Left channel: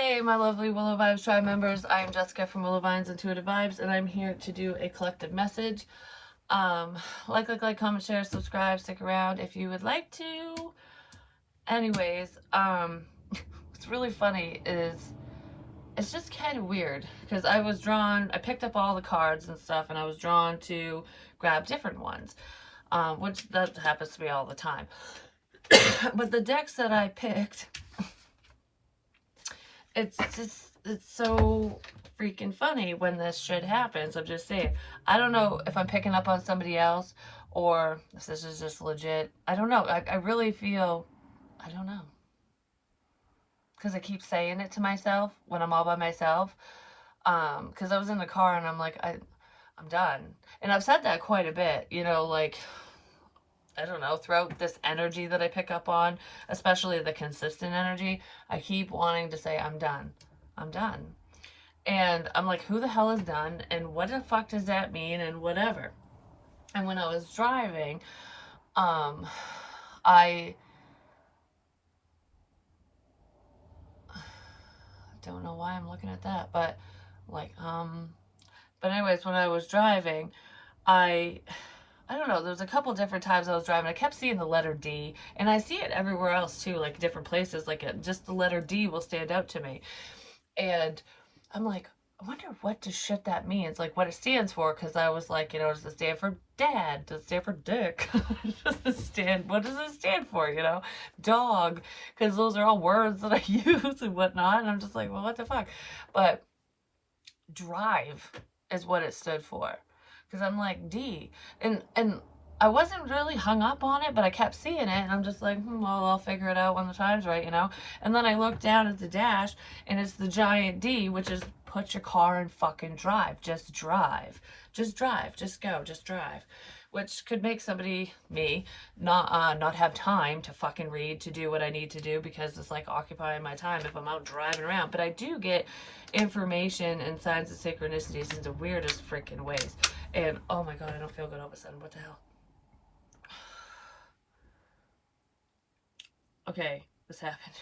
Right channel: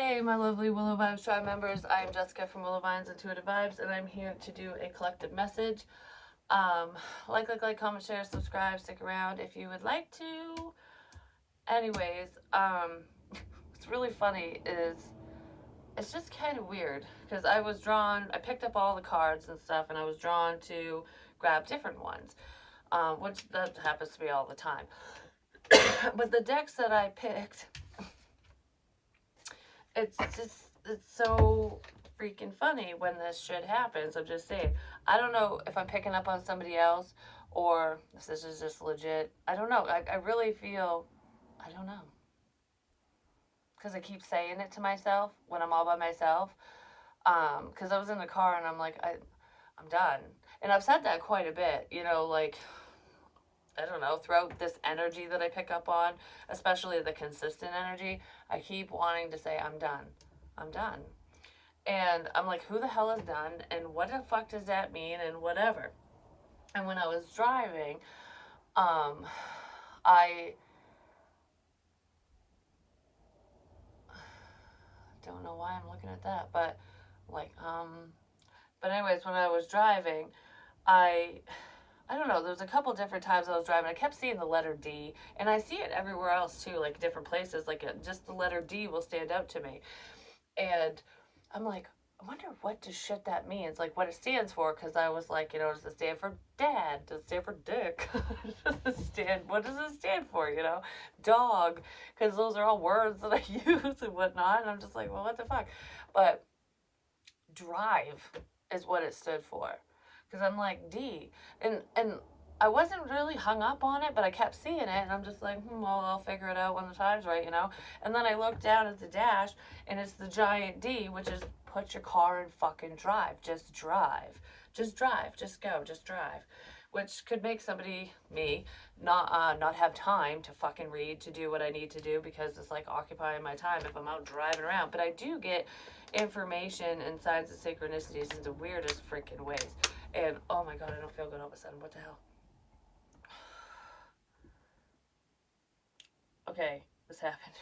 Hey, my lovely Willow Vibes Tribe members. I am Jessica from Willow Vines Intuitive Vibes, and I'm here to do a collective message. Um, comment, share, subscribe, stick around if you would like to. Anyways, what's really funny is it's just kind of weird because I picked up all the cards and stuff, and I was drawn to grab different ones, which that happens to me all the time. But the decks that I picked, it's so freaking funny when this shit happens. I'm just saying. I don't know if I'm picking up on somebody else or if this is just legit. I don't know. I really feel, I don't know. Because I keep saying it to myself when I'm all by myself. Because I was in the car and I'm like, I'm done. And I've said that quite a bit, like, I don't know, throughout this energy that I pick up on, especially the consistent energy, I keep wanting to say, I'm done. I'm done. And I'm like, who the hell is done? And what the fuck does that mean? And whatever. And when I was driving, um, I don't know why I'm looking at that, but like, but anyways, when I was driving, I, I don't know, there's a couple different times I was driving. I kept seeing the letter D, and I see it everywhere else too, like different places, like just the letter D will stand out to me. And I'm like, I wonder what the shit that means, like what it stands for, because I was like, does it stand for dad? Does it stand for dick? What does it stand for, Dog, because those are all words that I use and whatnot, and I'm just like, well, what the fuck? But drive is what it stood for, because I'm like, D. And I wasn't really hung up on it, but I kept seeing it, and I'm just like, well, I'll figure it out when the time's right. And then I looked down at the dash, and it's the giant D, which is put your car in fucking drive. Just drive. Just drive. Just go. Just drive. Which could make somebody, me, not have time to fucking read, to do what I need to do, because it's like occupying my time if I'm out driving around. But I do get information and signs of synchronicities in the weirdest freaking ways. And oh my god, I don't feel good all of a sudden. What the hell? Okay, this happened.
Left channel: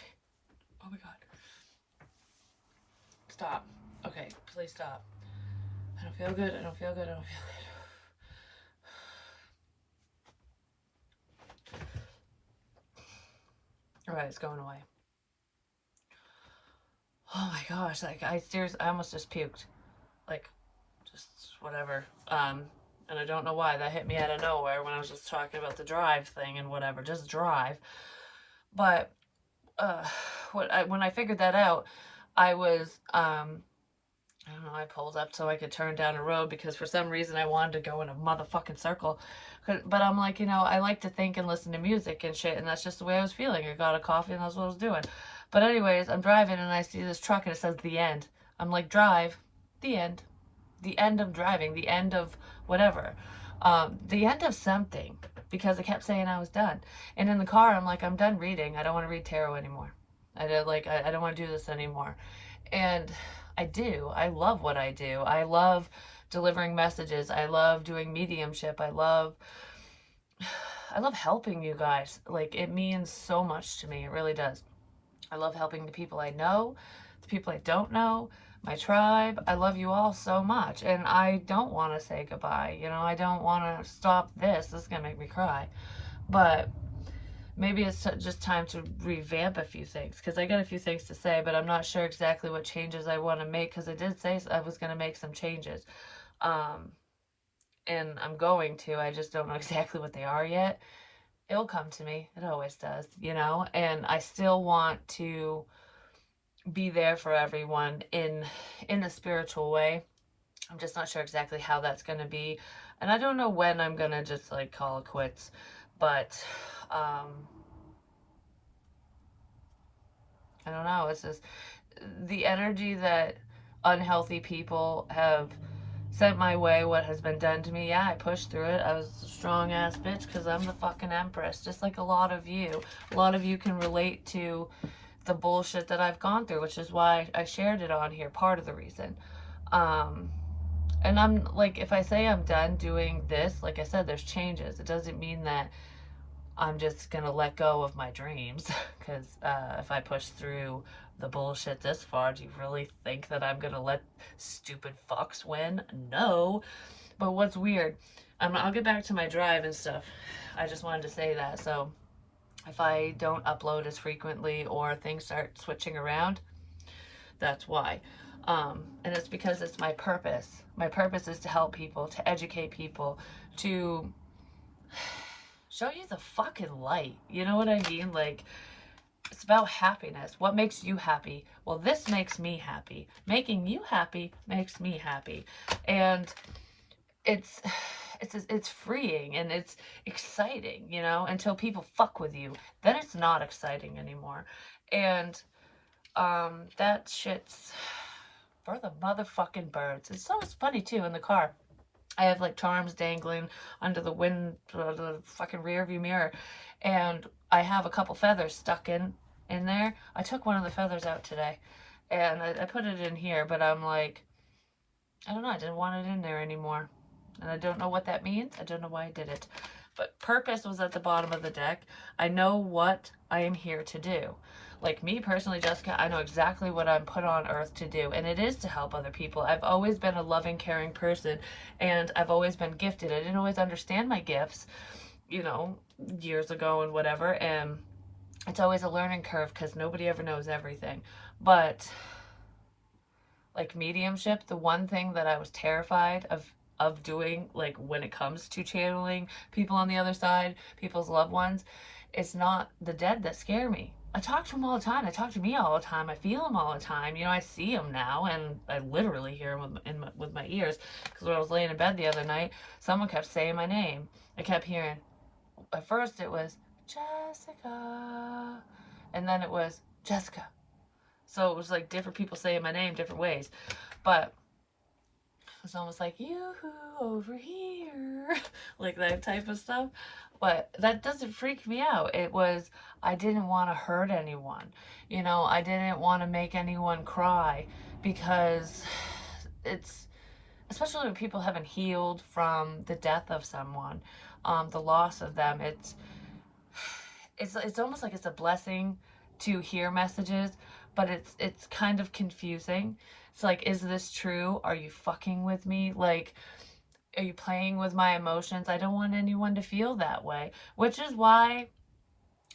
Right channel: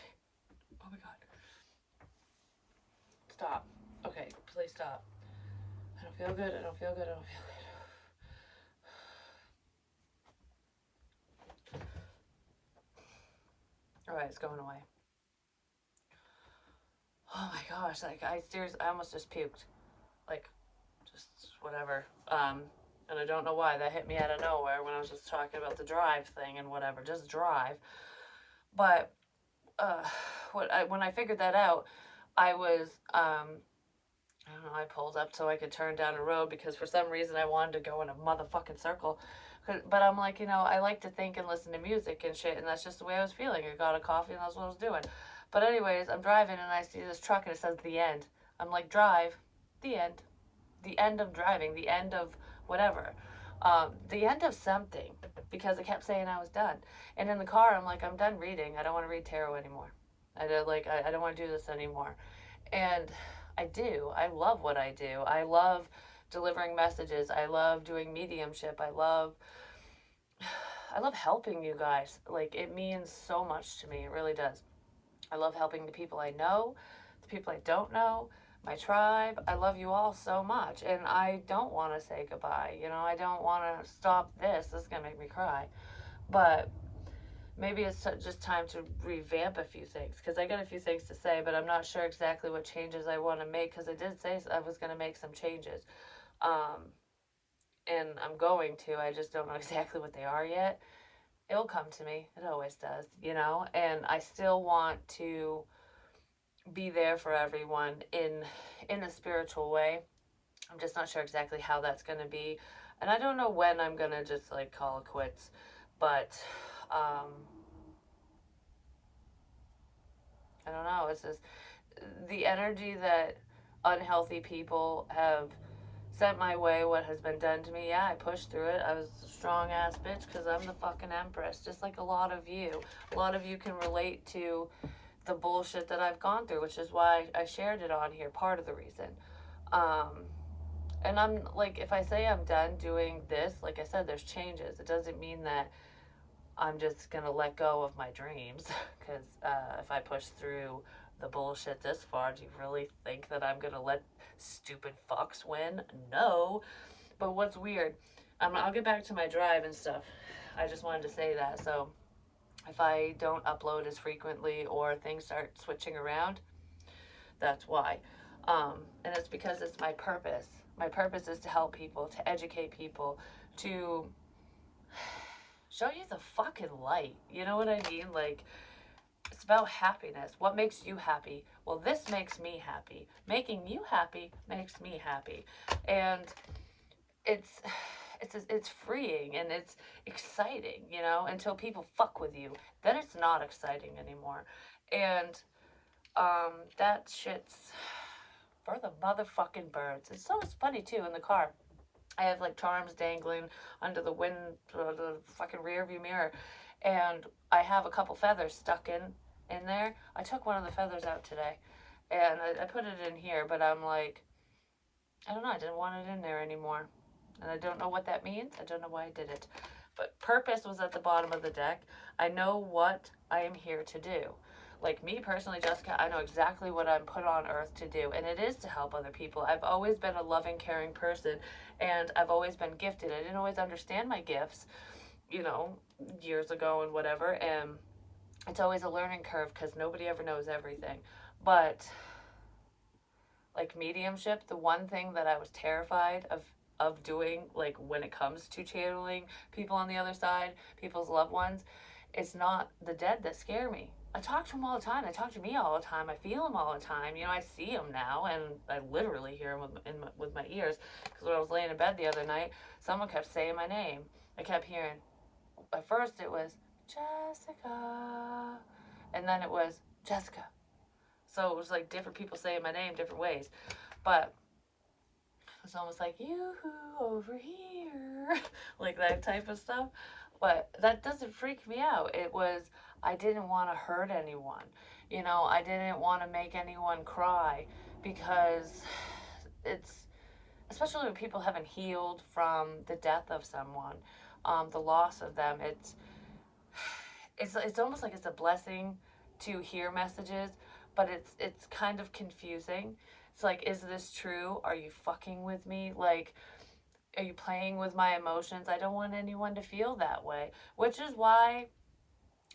Oh my god. Stop. Okay, please stop. I don't feel good. I don't feel good. I don't feel good. Alright, it's going away. Oh my gosh, like I seriously, I almost just puked. Like, just whatever. And I don't know why that hit me out of nowhere when I was just talking about the drive thing and whatever. Just drive. But uh, when I figured that out, I was I don't know. I pulled up so I could turn down a road because for some reason I wanted to go in a motherfucking circle. But I'm like, I like to think and listen to music and shit, and that's just the way I was feeling. I got a coffee and that's what I was doing. But anyways, I'm driving and I see this truck and it says the end. I'm like, drive, the end, the end of driving, the end of whatever, the end of something, because I kept saying I was done. And in the car, I'm like, I'm done reading. I don't want to read tarot anymore. I don't want to do this anymore. And I do. I love what I do. I love delivering messages. I love doing mediumship. I love helping you guys. Like, it means so much to me. It really does. I love helping the people I know, the people I don't know, my tribe. I love you all so much. And I don't want to say goodbye. I don't want to stop this. This is going to make me cry. But maybe it's just time to revamp a few things, because I got a few things to say, but I'm not sure exactly what changes I want to make, because I did say I was going to make some changes. Um, and I'm going to. I just don't know exactly what they are yet. It'll come to me. It always does. And I still want to be there for everyone in a spiritual way. I'm just not sure exactly how that's going to be. And I don't know when I'm going to just like call it quits. But I don't know. It's just the energy that unhealthy people have sent my way, what has been done to me. Yeah, I pushed through it. I was a strong ass bitch because I'm the fucking empress, just like a lot of you. A lot of you can relate to the bullshit that I've gone through, which is why I shared it on here, part of the reason. And if I say I'm done doing this, like I said, there's changes. It doesn't mean that I'm just gonna let go of my dreams because if I push through the bullshit this far, do you really think that I'm gonna let stupid fucks win? No. But what's weird, I'll get back to my drive and stuff. I just wanted to say that. So if I don't upload as frequently or things start switching around, that's why. And it's because it's my purpose. My purpose is to help people, to educate people, to show you the fucking light. You know what I mean? Like, it's about happiness. What makes you happy? Well, this makes me happy. Making you happy makes me happy. And it's it's freeing and it's exciting, you know, until people fuck with you. Then it's not exciting anymore. And that shit's for the motherfucking birds. It's so funny too in the car. I have like charms dangling under the fucking rear view mirror, and I have a couple feathers stuck in there. I took one of the feathers out today, and I put it in here, but I'm like, I don't know. I didn't want it in there anymore, and I don't know what that means. I don't know why I did it, but purpose was at the bottom of the deck. I know what I am here to do. Like me personally, Jessica, I know exactly what I'm put on earth to do, and it is to help other people. I've always been a loving, caring person, and I've always been gifted. I didn't always understand my gifts, you know, years ago and whatever, and it's always a learning curve because nobody ever knows everything. But like mediumship, the one thing that I was terrified of doing, like when it comes to channeling people on the other side, people's loved ones, it's not the dead that scare me. I talk to them all the time. They talk to me all the time. I feel them all the time. You know, I see them now, and I literally hear them with my ears. Because when I was laying in bed the other night, someone kept saying my name. I kept hearing. At first, it was Jessica, and then it was Jessica. So it was like different people saying my name different ways. But it's almost like, you over here, like that type of stuff. But that doesn't freak me out. It was, I didn't want to hurt anyone. You know, I didn't want to make anyone cry because it's, especially when people haven't healed from the death of someone, the loss of them. It's almost like it's a blessing to hear messages, but it's kind of confusing. It's like, is this true? Are you fucking with me? Like, are you playing with my emotions? I don't want anyone to feel that way, which is why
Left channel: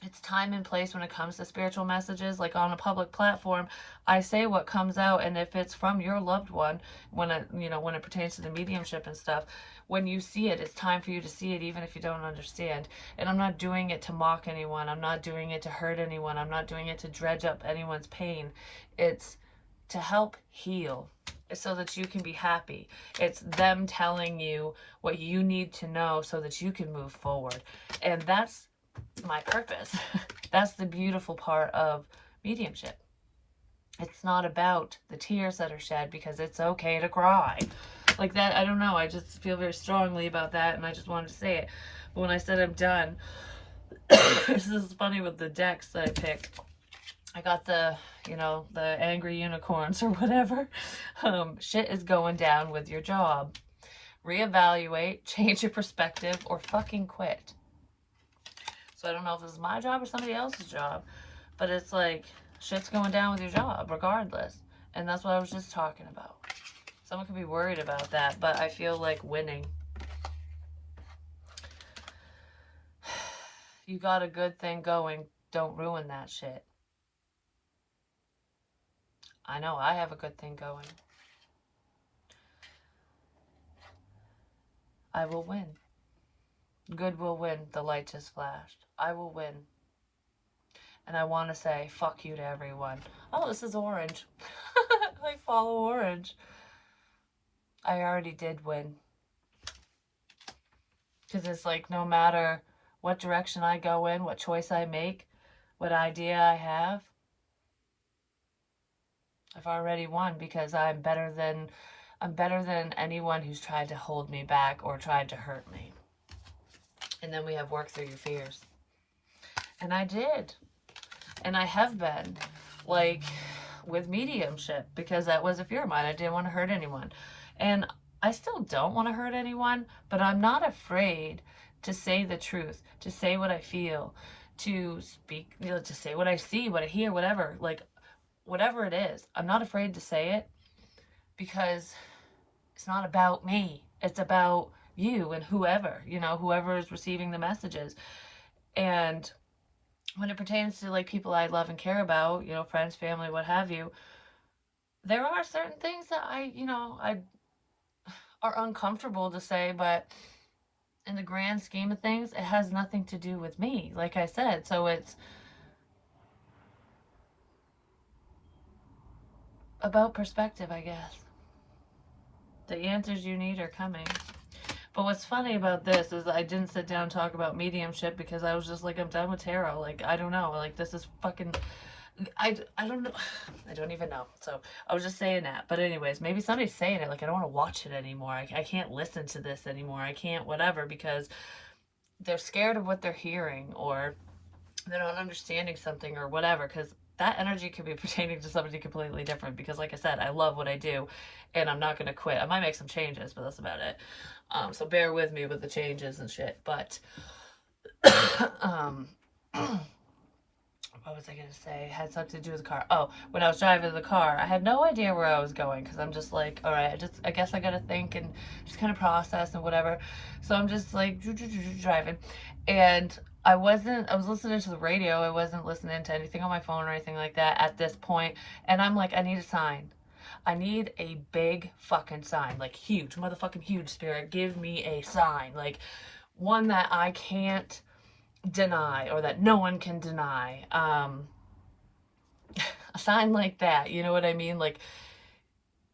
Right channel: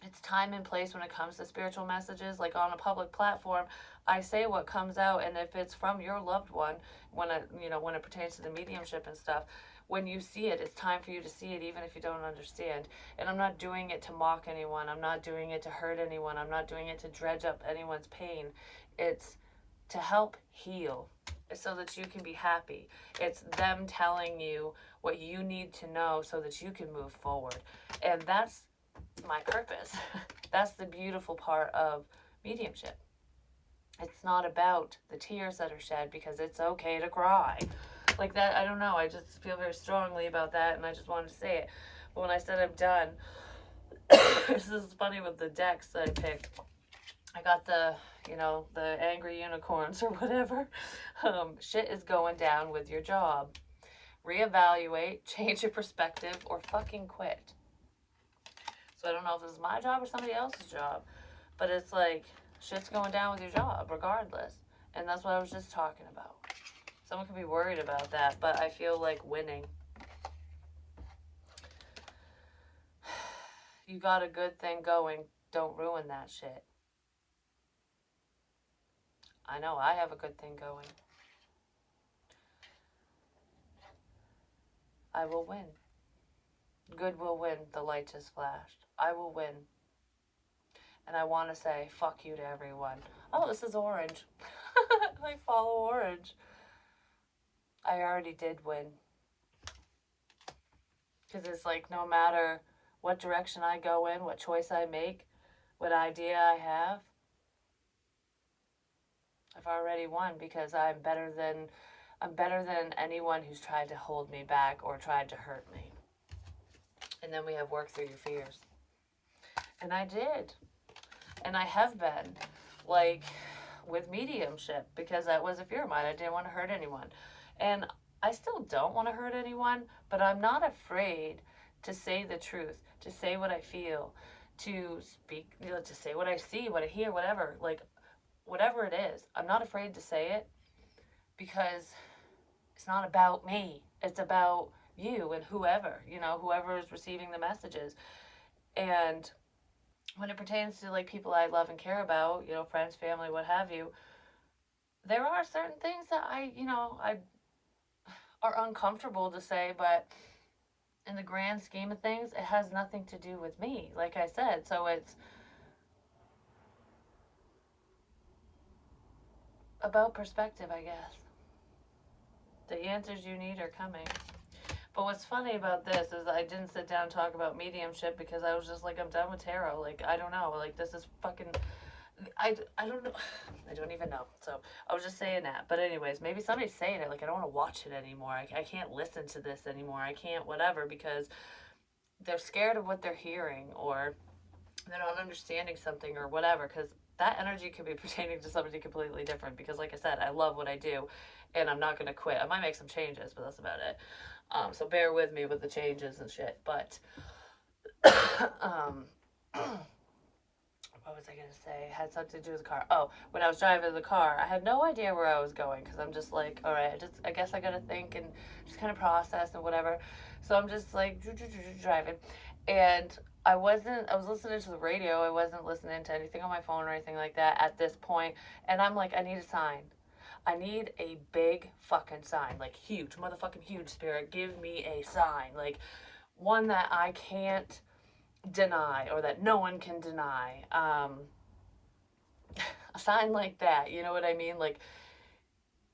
it's time and place when it comes to spiritual messages. Like on a public platform, I say what comes out, and if it's from your loved one, when it, you know, when it pertains to the mediumship and stuff, when you see it, it's time for you to see it, even if you don't understand. And I'm not doing it to mock anyone. I'm not doing it to hurt anyone. I'm not doing it to dredge up anyone's pain. It's to help heal so that you can be happy. It's them telling you what you need to know so that you can move forward. And that's my purpose. That's the beautiful part of mediumship. It's not about the tears that are shed, because it's okay to cry. Like that, I don't know. I just feel very strongly about that, and I just wanted to say it. But when I said I'm done, this is funny with the decks that I picked. I got the, you know, the angry unicorns or whatever. Shit is going down with your job. Reevaluate, change your perspective, or fucking quit. So I don't know if this is my job or somebody else's job, but it's like, shit's going down with your job regardless. And that's what I was just talking about. Someone could be worried about that, but I feel like winning. You got a good thing going. Don't ruin that shit. I know I have a good thing going. I will win. Good will win. The light just flashed. I will win. And I want to say fuck you to everyone. Oh, this is orange. I follow orange. I already did win. Because it's like, no matter what direction I go in, what choice I make, what idea I have, I've already won, because I'm better than anyone who's tried to hold me back or tried to hurt me. And then we have work through your fears. And I did. And I have been, like, with mediumship, because that was a fear of mine. I didn't want to hurt anyone. And I still don't want to hurt anyone, but I'm not afraid to say the truth, to say what I feel, to speak, to say what I see, what I hear, whatever. Like, whatever it is, I'm not afraid to say it because it's not about me. It's about you and whoever, whoever is receiving the messages. And when it pertains to like people I love and care about, friends, family, what have you, there are certain things that I are uncomfortable to say, but in the grand scheme of things, it has nothing to do with me, like I said. So it's about perspective, I guess. The answers you need are coming. But what's funny about this is I didn't sit down and talk about mediumship because I was just like, I'm done with tarot. Like, I don't know. Like, this is fucking. I don't know. I don't even know. So I was just saying that. But, anyways, maybe somebody's saying it. Like, I don't want to watch it anymore. I can't listen to this anymore. I can't whatever because they're scared of what they're hearing or they're not understanding something or whatever. Because that energy could be pertaining to somebody completely different. Because, like I said, I love what I do and I'm not going to quit. I might make some changes, but that's about it. So bear with me with the changes and shit. But um, what was I gonna say? It had something to do with the car. Oh, when I was driving the car, I had no idea where I was going because I'm just like, all right, I guess I gotta think and just kind of process and whatever. So I'm just like driving, and I wasn't. I was listening to the radio. I wasn't listening to anything on my phone or anything like that at this point. And I'm like, I need a sign. I need a big fucking sign, like huge, motherfucking huge, spirit. Give me a sign, like one that I can't deny or that no one can deny. A sign like that, you know what I mean? Like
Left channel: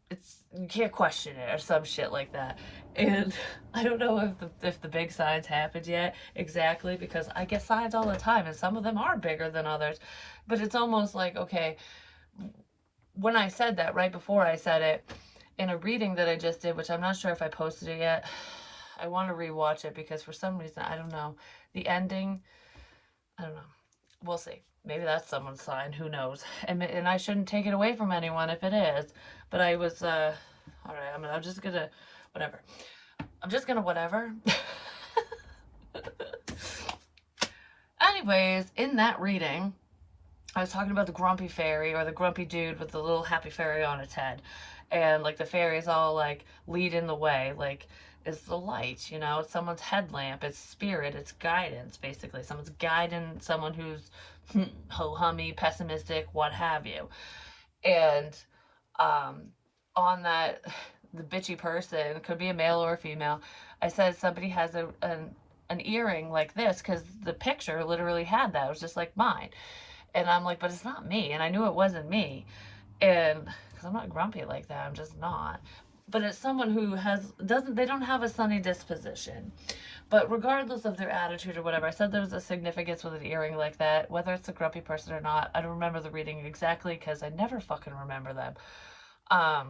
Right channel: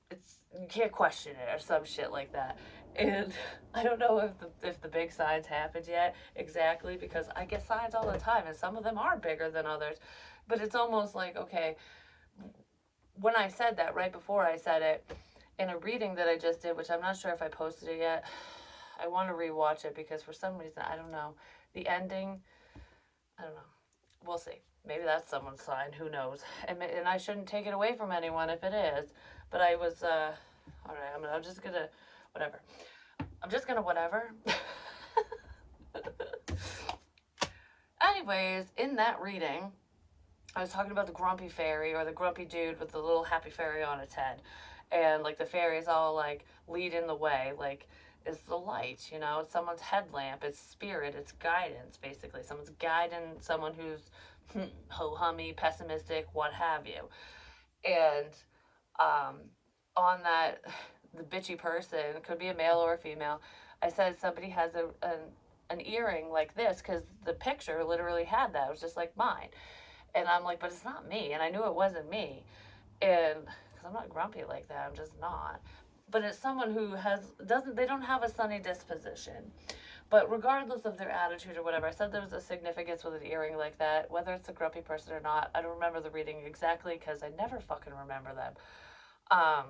it's you can't question it or some shit like that. And I don't know if the big signs happened yet exactly because I get signs all the time and some of them are bigger than others. But it's almost like okay, when I said that right before I said it in a reading that I just did, which I'm not sure if I posted it yet. I want to rewatch it because for some reason I don't know the ending. I don't know. We'll see. Maybe that's someone's sign. Who knows? And I shouldn't take it away from anyone if it is. But I was all right. I'm just gonna whatever. I'm just gonna whatever. Anyways, in that reading, I was talking about the grumpy fairy or the grumpy dude with the little happy fairy on its head. And like the fairies all like leading the way. Like it's the light, it's someone's headlamp, it's spirit, it's guidance, basically. Someone's guiding someone who's ho hummy, pessimistic, what have you. And um on that the bitchy person, could be a male or a female, I said somebody has an earring like this because the picture literally had that. It was just like mine. And I'm like, but it's not me. And I knew it wasn't me. And because I'm not grumpy like that, I'm just not. But it's someone who they don't have a sunny disposition. But regardless of their attitude or whatever, I said there was a significance with an earring like that, whether it's a grumpy person or not. I don't remember the reading exactly because I never fucking remember them. Um,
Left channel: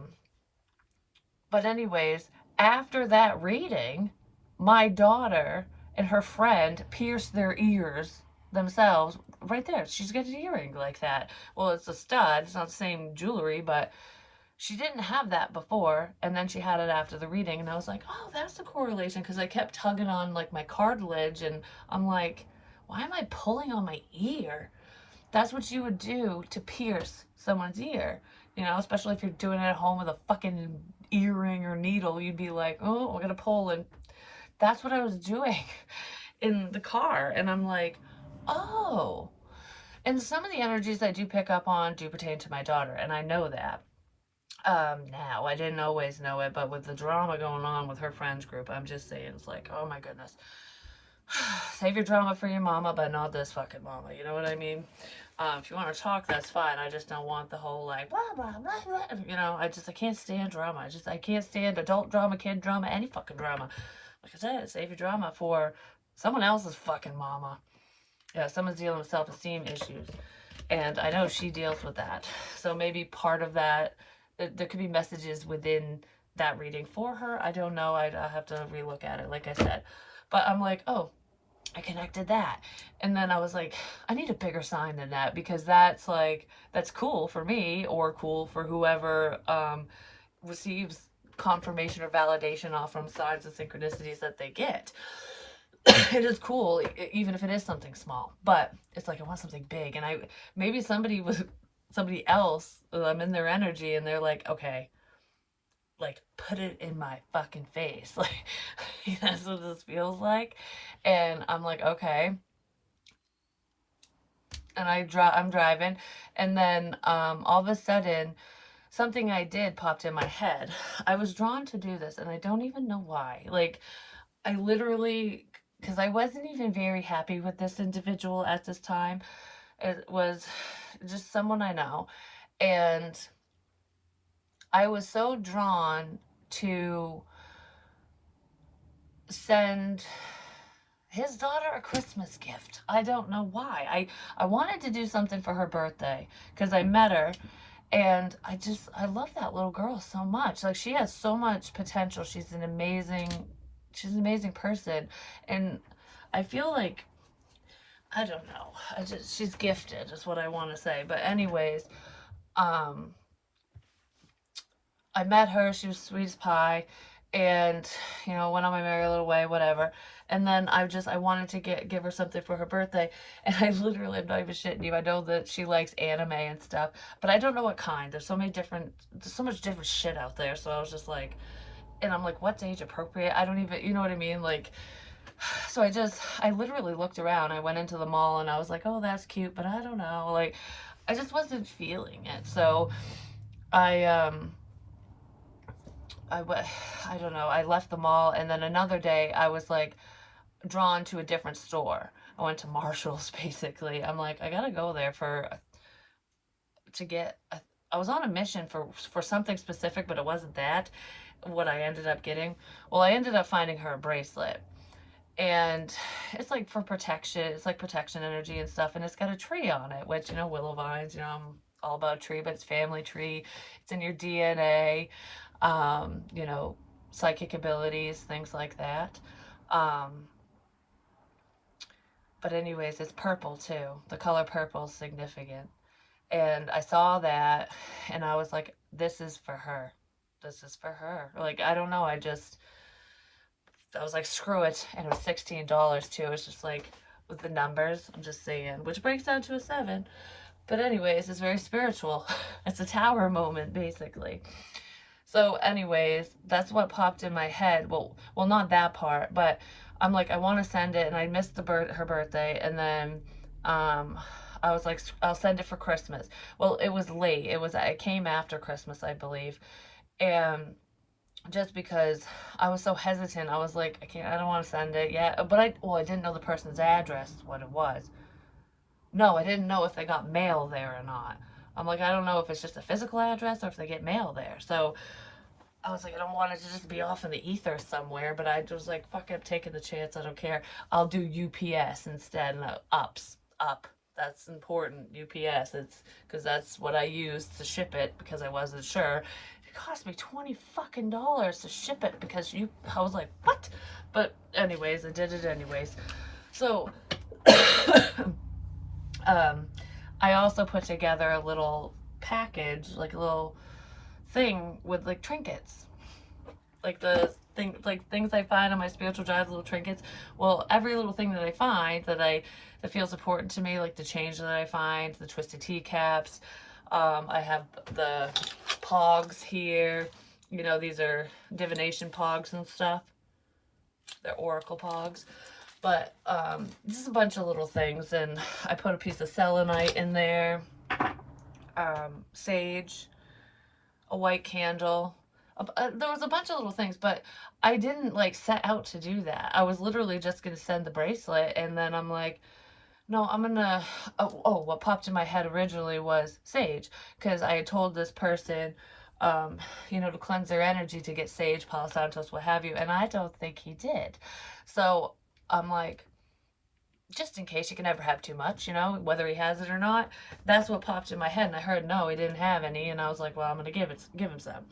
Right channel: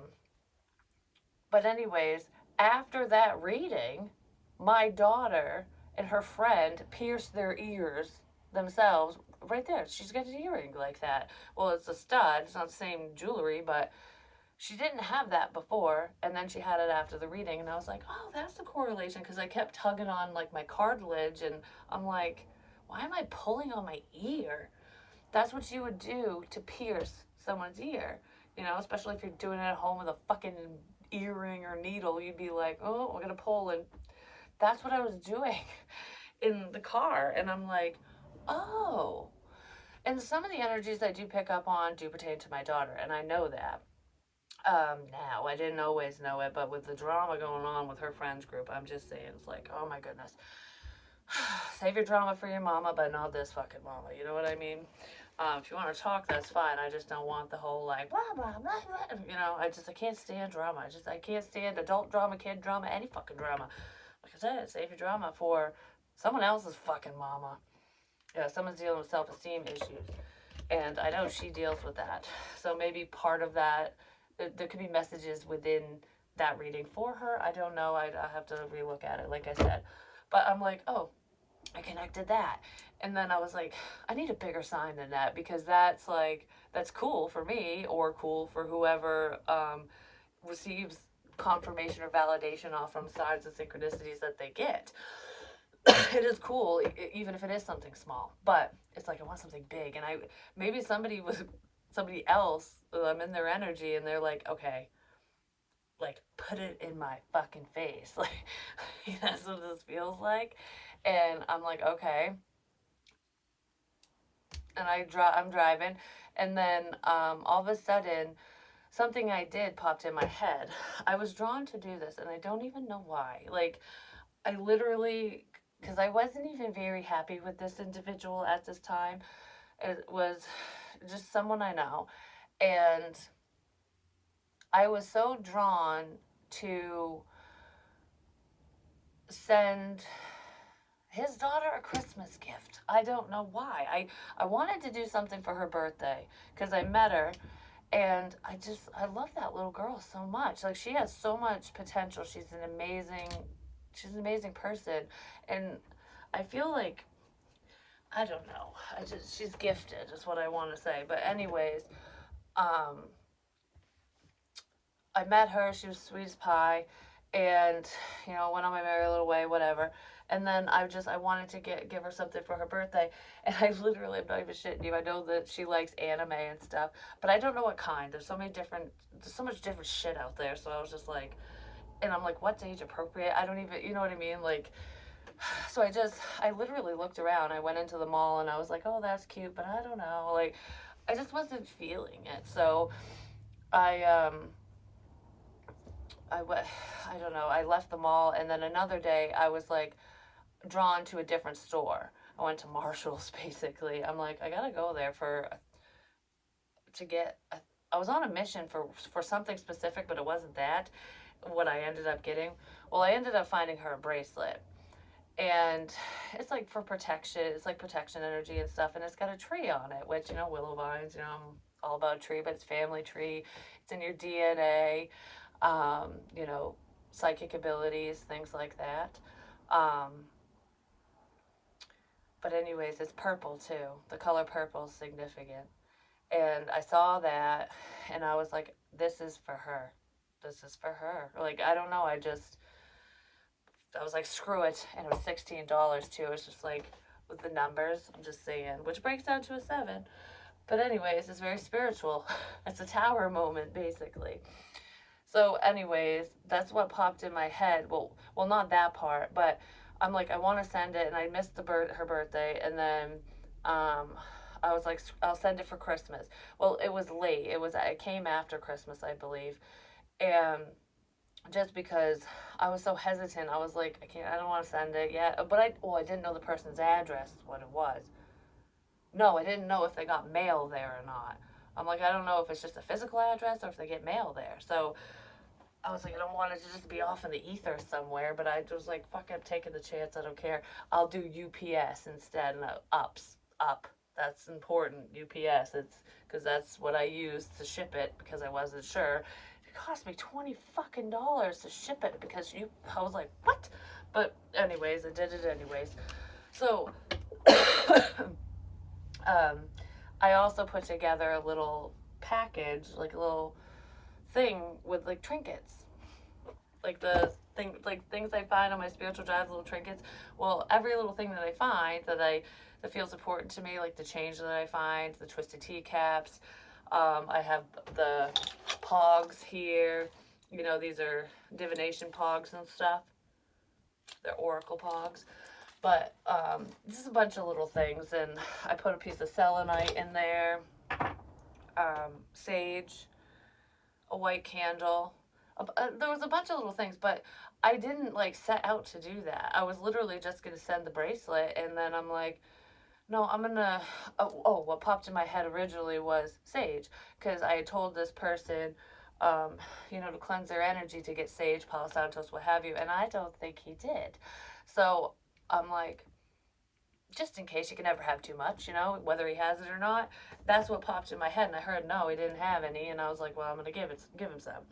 but anyways, after that reading, my daughter and her friend pierced their ears themselves right there. She's got an earring like that. Well, it's a stud. It's not the same jewelry, but she didn't have that before. And then she had it after the reading. And I was like, oh, that's the correlation. Because I kept tugging on like my cartilage. And I'm like, why am I pulling on my ear? That's what you would do to pierce someone's ear. Especially if you're doing it at home with a fucking earring or needle. You'd be like, oh, we're going to pull. And that's what I was doing in the car. And I'm like, oh. And some of the energies I do pick up on do pertain to my daughter, and I know that. Now, I didn't always know it, but with the drama going on with her friends group, I'm just saying, it's like, oh my goodness. Save your drama for your mama, but not this fucking mama, you know what I mean? If you want to talk, that's fine. I just don't want the whole like blah blah blah blah. I can't stand drama. I can't stand adult drama, kid drama, any fucking drama. Like I said, save your drama for someone else's fucking mama. Yeah, someone's dealing with self-esteem issues, and I know she deals with that. So maybe part of that, there could be messages within that reading for her. I don't know. I have to relook at it, like I said. But I'm like, oh, I connected that. And then I was like, I need a bigger sign than that because that's cool for me or cool for whoever receives confirmation or validation off from signs and synchronicities that they get. it is cool, even if it is something small. But it's like I want something big, and I maybe somebody else. I'm in their energy, and they're like, okay, like put it in my fucking face, like that's what this feels like, and I'm like, okay, and I'm driving, and then all of a sudden something I did popped in my head. I was drawn to do this, and I don't even know why. Like I literally, because I wasn't even very happy with this individual at this time. It was just someone I know. And I was so drawn to send his daughter a Christmas gift. I don't know why. I wanted to do something for her birthday because I met her, and I love that little girl so much. Like she has so much potential. She's an amazing person, and I feel like I don't know. She's gifted is what I want to say. But anyways, um I met her. She was sweet as pie, and went on my merry little way, whatever. And then I wanted to give her something for her birthday, and I literally, I'm not even shitting you. I know that she likes anime and stuff, but I don't know what kind. There's so much different shit out there. So I was just like, and I'm like, what's age appropriate? I don't even, you know what I mean? Like, so I literally looked around. I went into the mall and I was like, oh, that's cute, but I don't know. Like, I just wasn't feeling it. So I, I, I don't know. I left the mall, and then another day I was like drawn to a different store. I went to Marshall's basically. I'm like, I gotta go there to get. I was on a mission for something specific, but it wasn't that. What I ended up getting. Well, I ended up finding her a bracelet, and it's like for protection. It's like protection energy and stuff, and it's got a tree on it, which willow vines. I'm all about a tree, but it's family tree. It's in your DNA. You know, psychic abilities, things like that. Um, but anyways, it's purple too. The color purple is significant, and I saw that, and I was like, this is for her. This is for her. Like I don't know. I was like, screw it. And it was $16 too. It's just like with the numbers, I'm just saying, which breaks down to a seven. But anyways, it's very spiritual. It's a tower moment, basically. So, anyways, that's what popped in my head. Well, not that part, but I'm like, I want to send it, and I missed her birthday, and then, um, I was like, I'll send it for Christmas. Well, it was late. It came after Christmas, I believe, and just because I was so hesitant, I was like, I don't want to send it yet. But I didn't know the person's address, what it was. No, I didn't know if they got mail there or not. I'm like, I don't know if it's just a physical address or if they get mail there. So I was like, I don't want it to just be off in the ether somewhere. But I was like, fuck it, I'm taking the chance. I don't care. I'll do UPS instead. And up. That's important. UPS. It's because that's what I used to ship it because I wasn't sure. It cost me $20 to ship it because I was like, what? But anyways, I did it anyways. So um, I also put together a little package, like a little thing with like trinkets, like like things I find on my spiritual drive, little trinkets. Well, every little thing that I find that feels important to me, like the change that I find, the twisted teacaps. I have the pogs here. These are divination pogs and stuff. They're oracle pogs. But just a bunch of little things, and I put a piece of selenite in there, sage, a white candle. There was a bunch of little things, but I didn't like set out to do that. I was literally just gonna send the bracelet, and then I'm like, no, I'm gonna. What popped in my head originally was sage, because I had told this person, um, to cleanse their energy to get sage, Palo Santos, what have you, and I don't think he did. So I'm like, just in case you can never have too much, whether he has it or not. That's what popped in my head, and I heard no, he didn't have any, and I was like, well, I'm gonna give him some,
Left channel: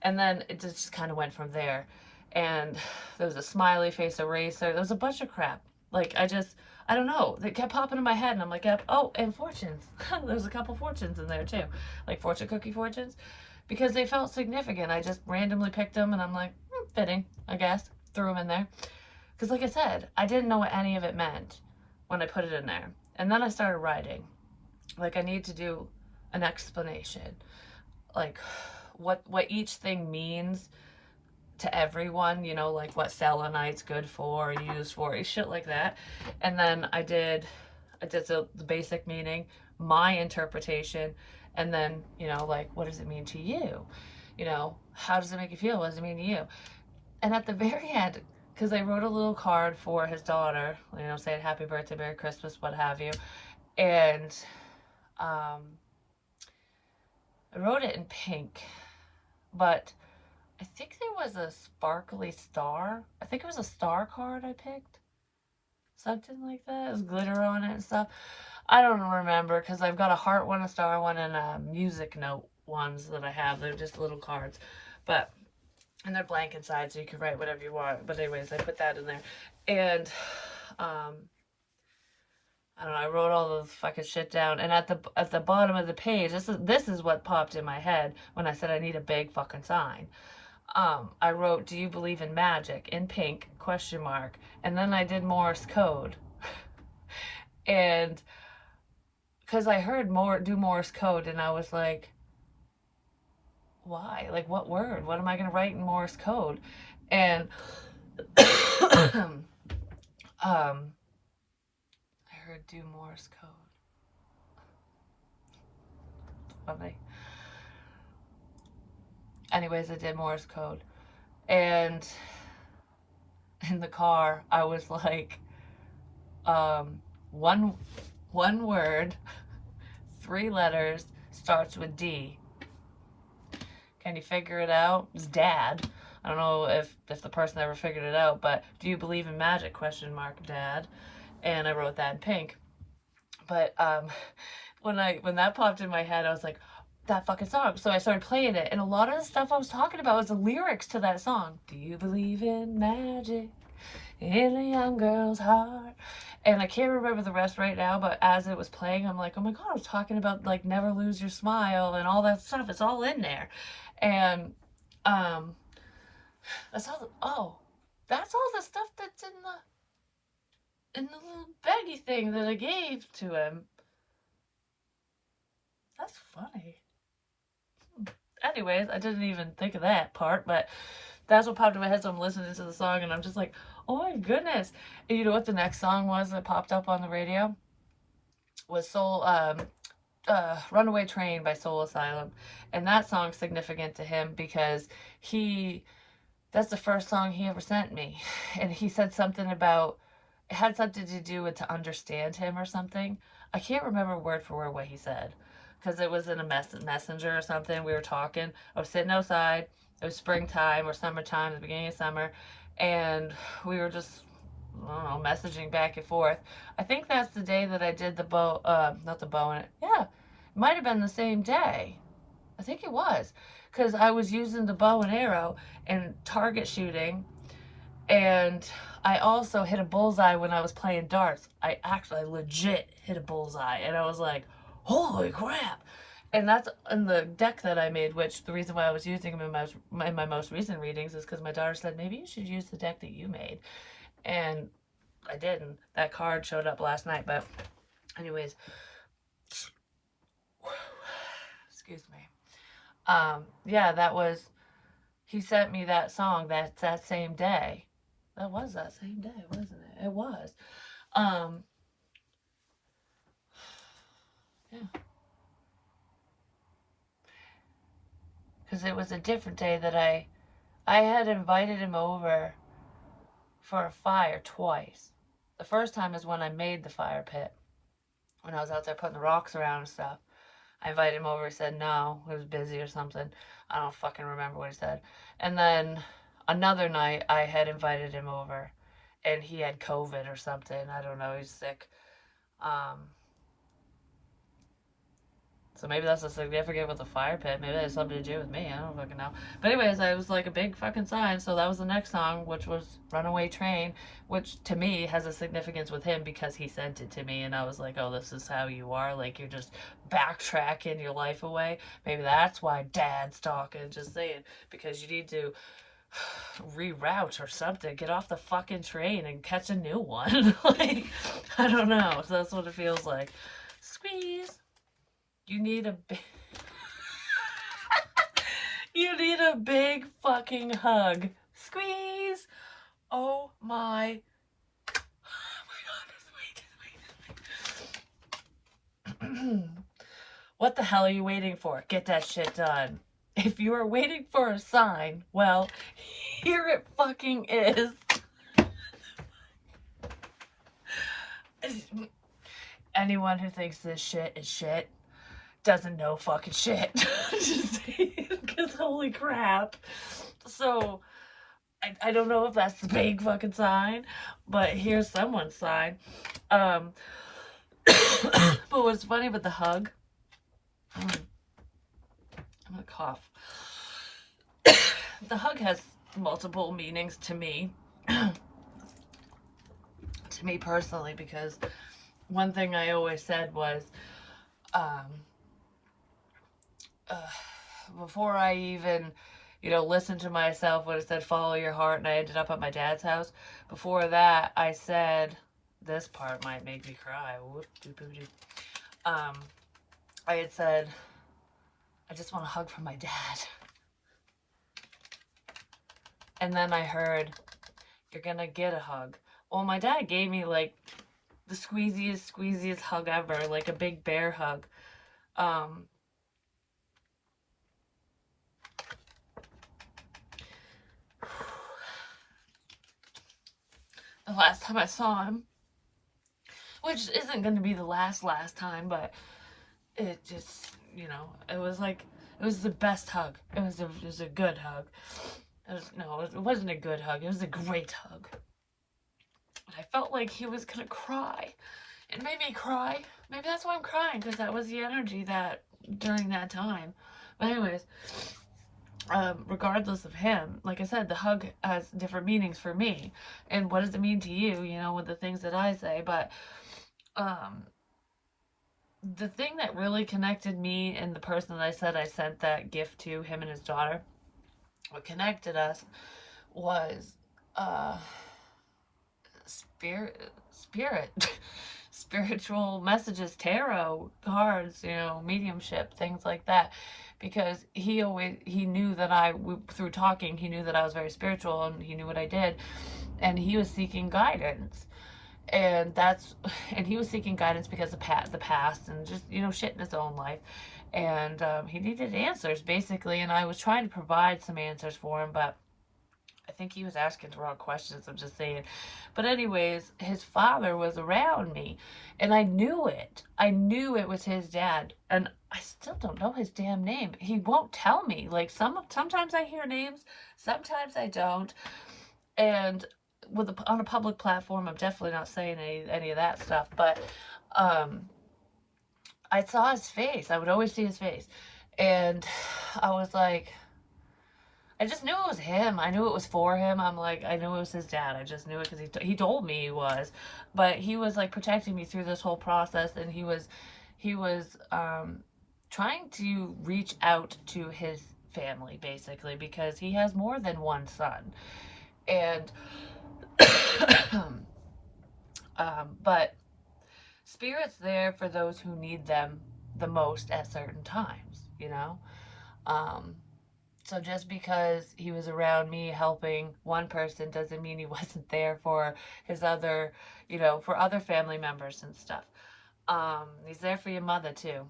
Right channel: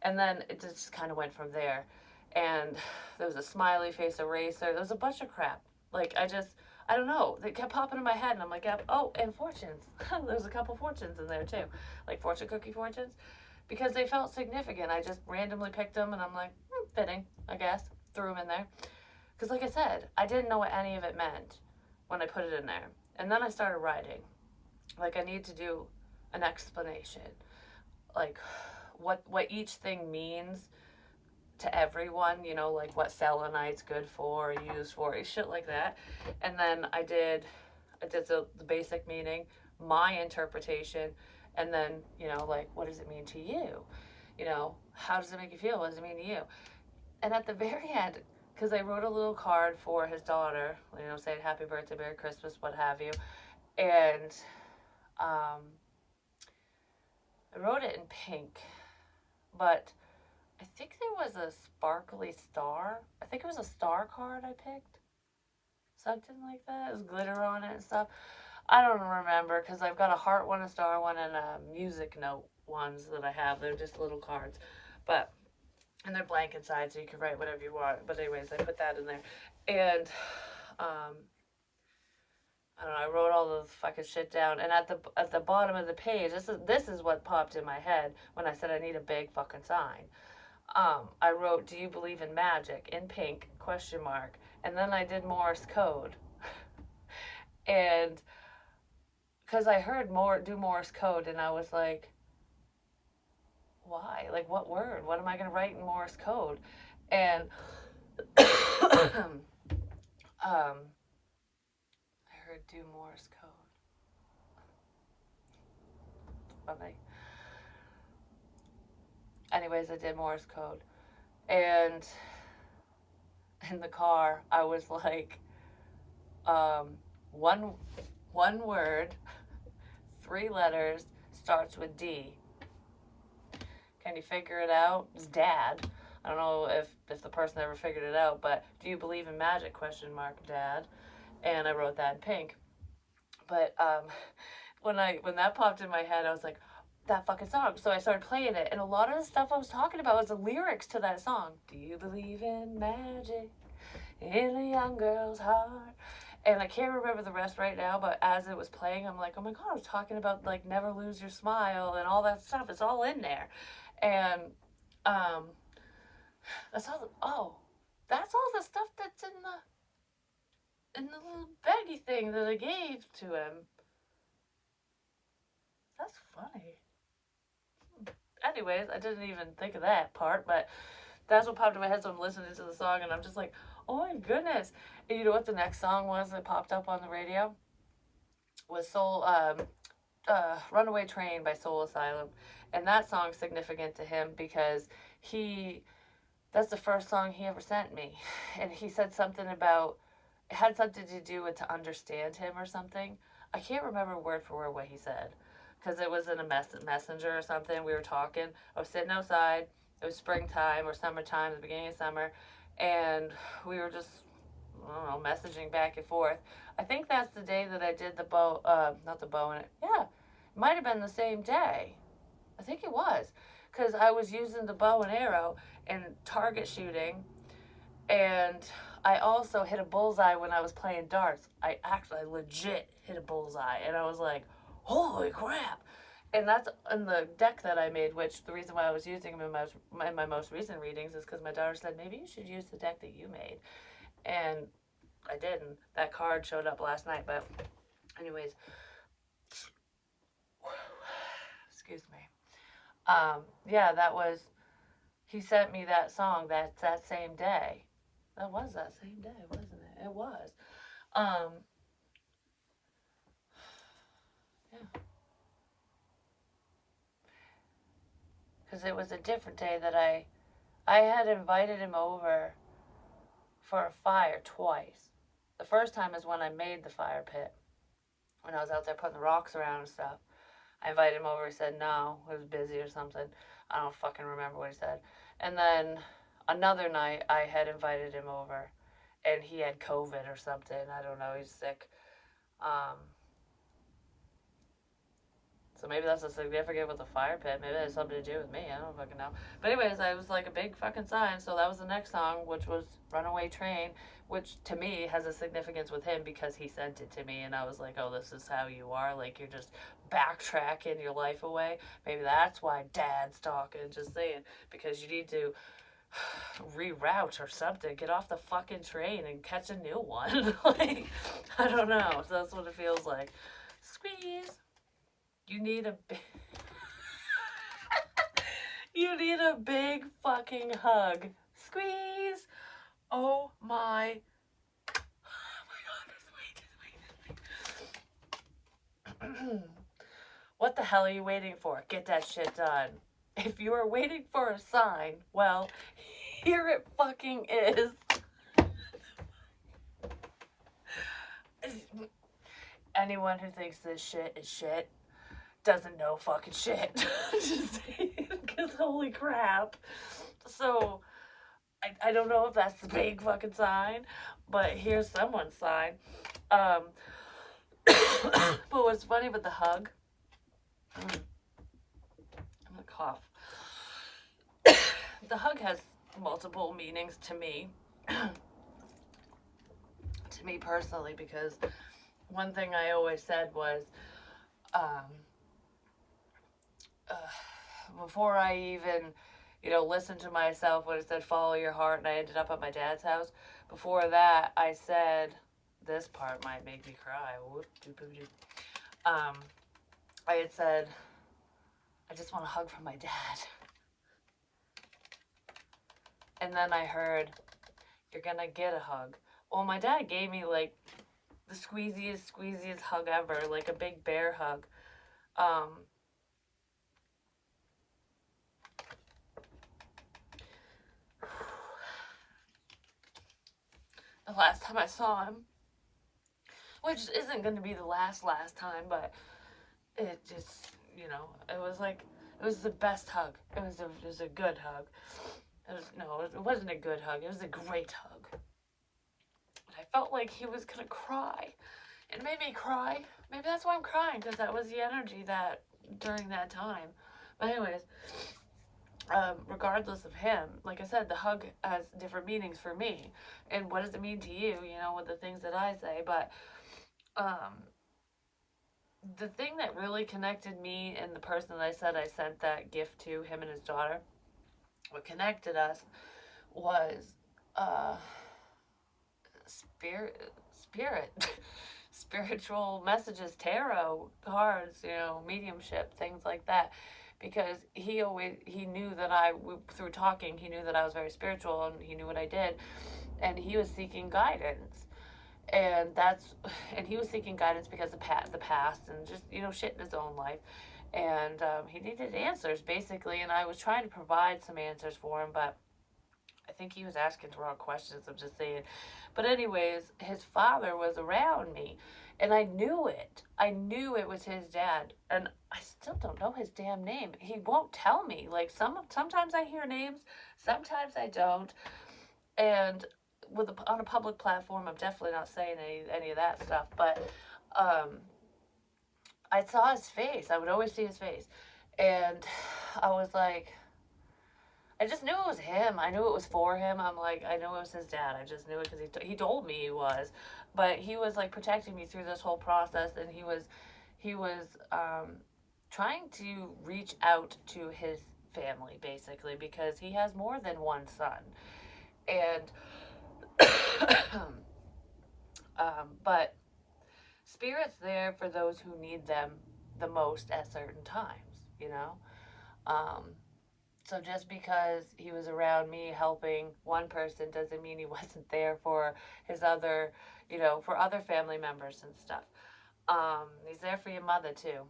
and then it just kind of went from there. And there was a smiley face eraser. There was a bunch of crap. Like I don't know. They kept popping in my head, and I'm like, yep. Oh, and fortunes. There's a couple fortunes in there too, like fortune cookie fortunes, because they felt significant. I just randomly picked them, and I'm like, fitting, I guess. Threw them in there Because, like I said, I didn't know what any of it meant when I put it in there. And then I started writing. Like, I need to do an explanation. Like, what each thing means to everyone, you know, like what selenite's good for, used for, shit like that. And then I did the basic meaning, my interpretation, and then, you know, like, what does it mean to you? You know, how does it make you feel? What does it mean to you? And at the very end, because I wrote a little card for his daughter, you know, saying happy birthday, Merry Christmas, what have you. And um, I wrote it in pink, but I think there was a sparkly star. I think it was a star card I picked. Something like that. It was glitter on it and stuff. I don't remember because I've got a heart one, a star one, and a music note ones that I have. They're just little cards. But, and they're blank inside so you can write whatever you want. But, anyways, I put that in there. And, I don't know, I wrote all the fucking shit down. And at the bottom of the page, this is what popped in my head when I said I need a big fucking sign. I wrote, "Do you believe in magic?" in pink, question mark. And then I did Morse code. And because I heard do Morse code, and I was like, why? Like, what word? What am I going to write in Morse code? And I heard do Morse code. Funny. Anyways, I did Morse code. And in the car, I was like, um, one one word, 3 letters, starts with D. Can you figure it out? It's Dad. I don't know if the person ever figured it out, but do you believe in magic? Question mark, Dad. And I wrote that in pink. But when that popped in my head, I was like, that fucking song. So I started playing it, and a lot of the stuff I was talking about was the lyrics to that song. Do you believe in magic in a young girl's heart? And I can't remember the rest right now, but as it was playing, I'm like, oh my god, I was talking about like never lose your smile and all that stuff. It's all in there. And that's all. That's all the stuff that's in the little baggy thing that I gave to him. That's funny. Anyways, I didn't even think of that part, but that's what popped in my head. So I'm listening to the song, and I'm just like, oh my goodness. And you know what the next song was that popped up on the radio? Was Runaway Train by Soul Asylum. And that song's significant to him because he that's the first song he ever sent me. And he said something about it had something to do with to understand him or something. I can't remember word for word what he said because it was in a messenger or something. We were talking. I was sitting outside. It was springtime or summertime, the beginning of summer, and we were just, I don't know, messaging back and forth. I think that's the day that I did the bow, not the bow in it. Yeah, it might have been the same day. I think it was because I was using the bow and arrow and target shooting, and I also hit a bullseye when I was playing darts. I actually legit hit a bullseye, and I was like, holy crap. And that's in the deck that I made, which the reason why I was using them in my most recent readings is because my daughter said, maybe you should use the deck that you made. And I didn't. That card showed up last night, but anyways, excuse me. Yeah, he sent me that song that same day. That was that same day, wasn't it? It was. Um, yeah, because it was a different day that I had invited him over for a fire twice. The first time is when I made the fire pit, when I was out there putting the rocks around and stuff. I invited him over. He said no, he was busy or something. I don't fucking remember what he said. And then another night, I had invited him over, and he had COVID or something. I don't know. He's sick. Um, So maybe that's a significant with the fire pit. Maybe that has something to do with me. I don't fucking know. But anyways, it was like a big fucking sign. So that was the next song, which was Runaway Train, which to me has a significance with him because he sent it to me. And I was like, oh, this is how you are. Like, you're just backtracking your life away. Maybe that's why Dad's talking. Just saying. Because you need to reroute or something. Get off the fucking train and catch a new one. Like, I don't know. So that's what it feels like. Squeeze. You need a big, you need a big fucking hug. Squeeze. Oh my. Oh my god, wait, wait. What the hell are you waiting for? Get that shit done. If you are waiting for a sign, well, here it fucking is. Anyone who thinks this shit is shit doesn't know fucking shit. Just saying, because holy crap. So, I don't know if that's the big fucking sign, but here's someone's sign. Um, but what's funny about the hug, I'm gonna cough. The hug has multiple meanings to me, personally, because one thing I always said was, um, uh, before I even, listened to myself when it said follow your heart, and I ended up at my dad's house. Before that, I said, this part might make me cry. Um, I had said, I just want a hug from my dad. And then I heard, you're gonna get a hug. Well, my dad gave me like the squeeziest hug ever, like a big bear hug. Um, the last time I saw him, which isn't going to be the last time, but it just, it was like, it was the best hug. It was a good hug. It wasn't a good hug. It was a great hug. But I felt like he was going to cry. It made me cry. Maybe that's why I'm crying, because that was the energy that during that time. But anyways, regardless of him, like I said, the hug has different meanings for me. And what does it mean to you, with the things that I say? But the thing that really connected me and the person that I said I sent that gift to, him and his daughter, what connected us was uh, spirit, spiritual messages, tarot cards, mediumship, things like that. Because he knew that through talking, he knew that I was very spiritual and he knew what I did, and he was seeking guidance. And he was seeking guidance because of the past and just shit in his own life, and he needed answers basically, and I was trying to provide some answers for him, but I think he was asking the wrong questions, I'm just saying. But anyways, his father was around me, and I knew it was his dad, and I still don't know his damn name. He won't tell me. Like, sometimes I hear names, sometimes I don't. And on a public platform, I'm definitely not saying any of that stuff, but I saw his face. I would always see his face, and I was like, I just knew it was him. I knew it was for him. I'm like, I knew it was his dad. I just knew it because he told me he was, but he was like protecting me through this whole process, and he was trying to reach out to his family basically, because he has more than one son, and but spirit's there for those who need them the most at certain times. Um, so just because he was around me helping one person doesn't mean he wasn't there for his other, for other family members and stuff. He's there for your mother too.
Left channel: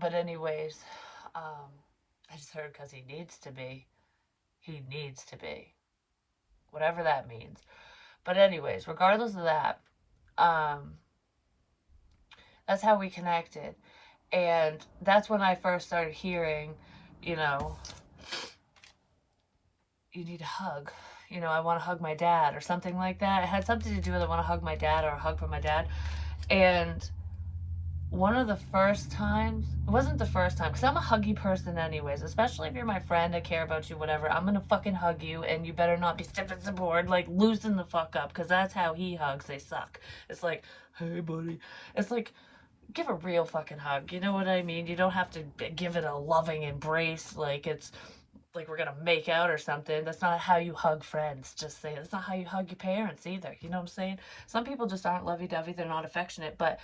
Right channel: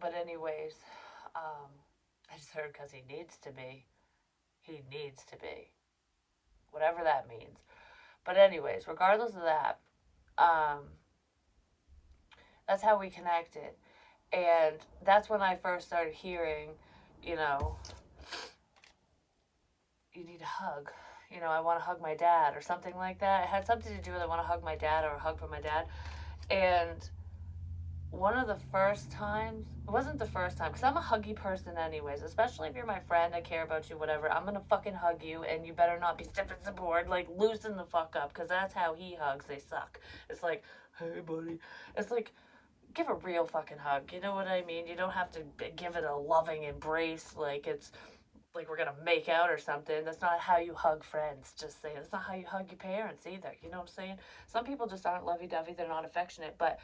But anyways, um, I just heard because he needs to be. He needs to be. Whatever that means. But anyways, regardless of that, um, that's how we connected. And that's when I first started hearing, you know, you need a hug. I want to hug my dad or something like that. It had something to do with I want to hug my dad or a hug from my dad. And one of the first times, it wasn't the first time, because I'm a huggy person anyways, especially if you're my friend, I care about you, whatever. I'm going to fucking hug you, and you better not be stiff as a board, like, loosen the fuck up, because that's how he hugs. They suck. It's like, hey, buddy. It's like, give a real fucking hug. You know what I mean? You don't have to give it a loving embrace. Like, it's like we're gonna make out or something. That's not how you hug friends. Just saying. That's not how you hug your parents either. You know what I'm saying? Some people just aren't lovey-dovey. They're not affectionate, but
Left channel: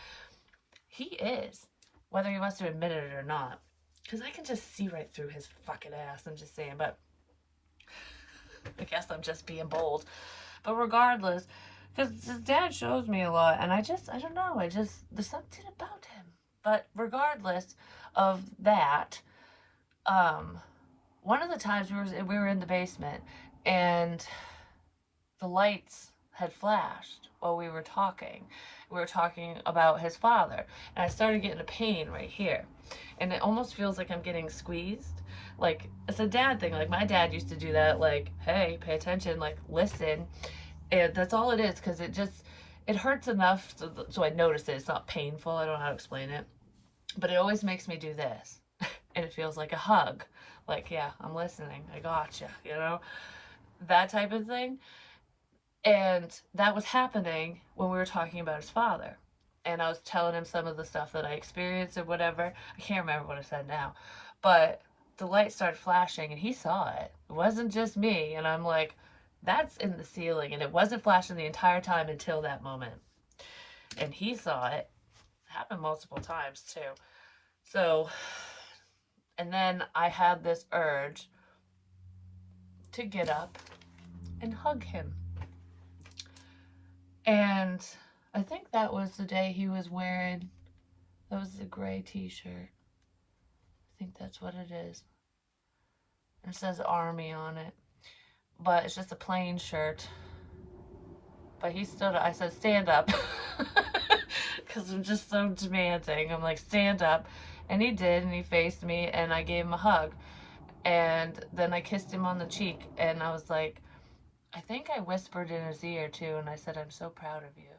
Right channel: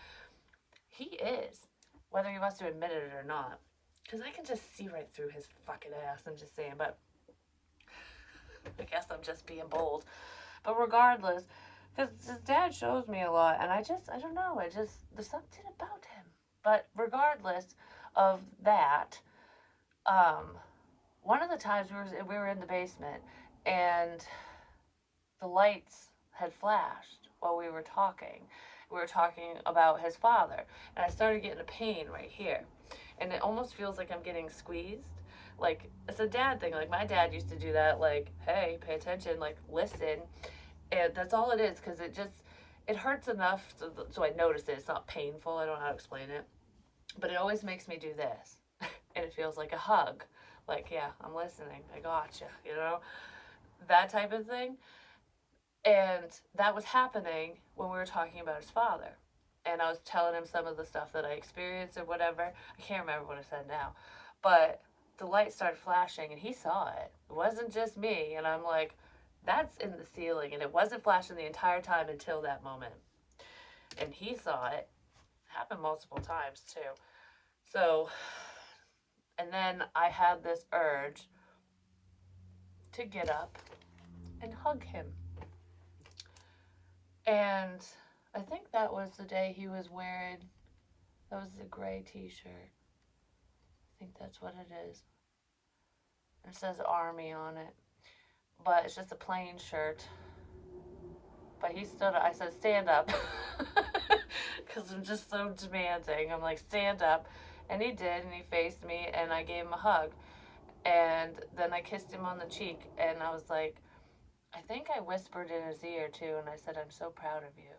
he is, whether he wants to admit it or not. Because I can just see right through his fucking ass. I'm just saying, but I guess I'm just being bold. But regardless, because his dad shows me a lot, and I don't know, there's something about him. But regardless of that, um, one of the times we were in the basement, and the lights had flashed while we were talking. We were talking about his father, and I started getting a pain right here, and it almost feels like I'm getting squeezed. Like it's a dad thing. Like my dad used to do that. Like, hey, pay attention. Like listen, and that's all it is. Because it hurts enough so I notice it. It's not painful. I don't know how to explain it, but it always makes me do this, and it feels like a hug. Like yeah, I'm listening. I gotcha. You know that type of thing. And that was happening when we were talking about his father. And I was telling him some of the stuff that I experienced or whatever. I can't remember what I said now. But the light started flashing and he saw it. It wasn't just me. And I'm like, that's in the ceiling. And it wasn't flashing the entire time until that moment. And he saw it. It happened multiple times too. So, and then I had this urge to get up and hug him. And I think that was the day he was wearing, that was the gray t-shirt. I think that's what it is. It says Army on it. But it's just a plain shirt. But he stood up. I said, stand up. Because I'm just so demanding. I'm like, stand up. And he did, and he faced me, and I gave him a hug. And then I kissed him on the cheek, and I was like, I think I whispered in his ear too, and I said, I'm so proud of you.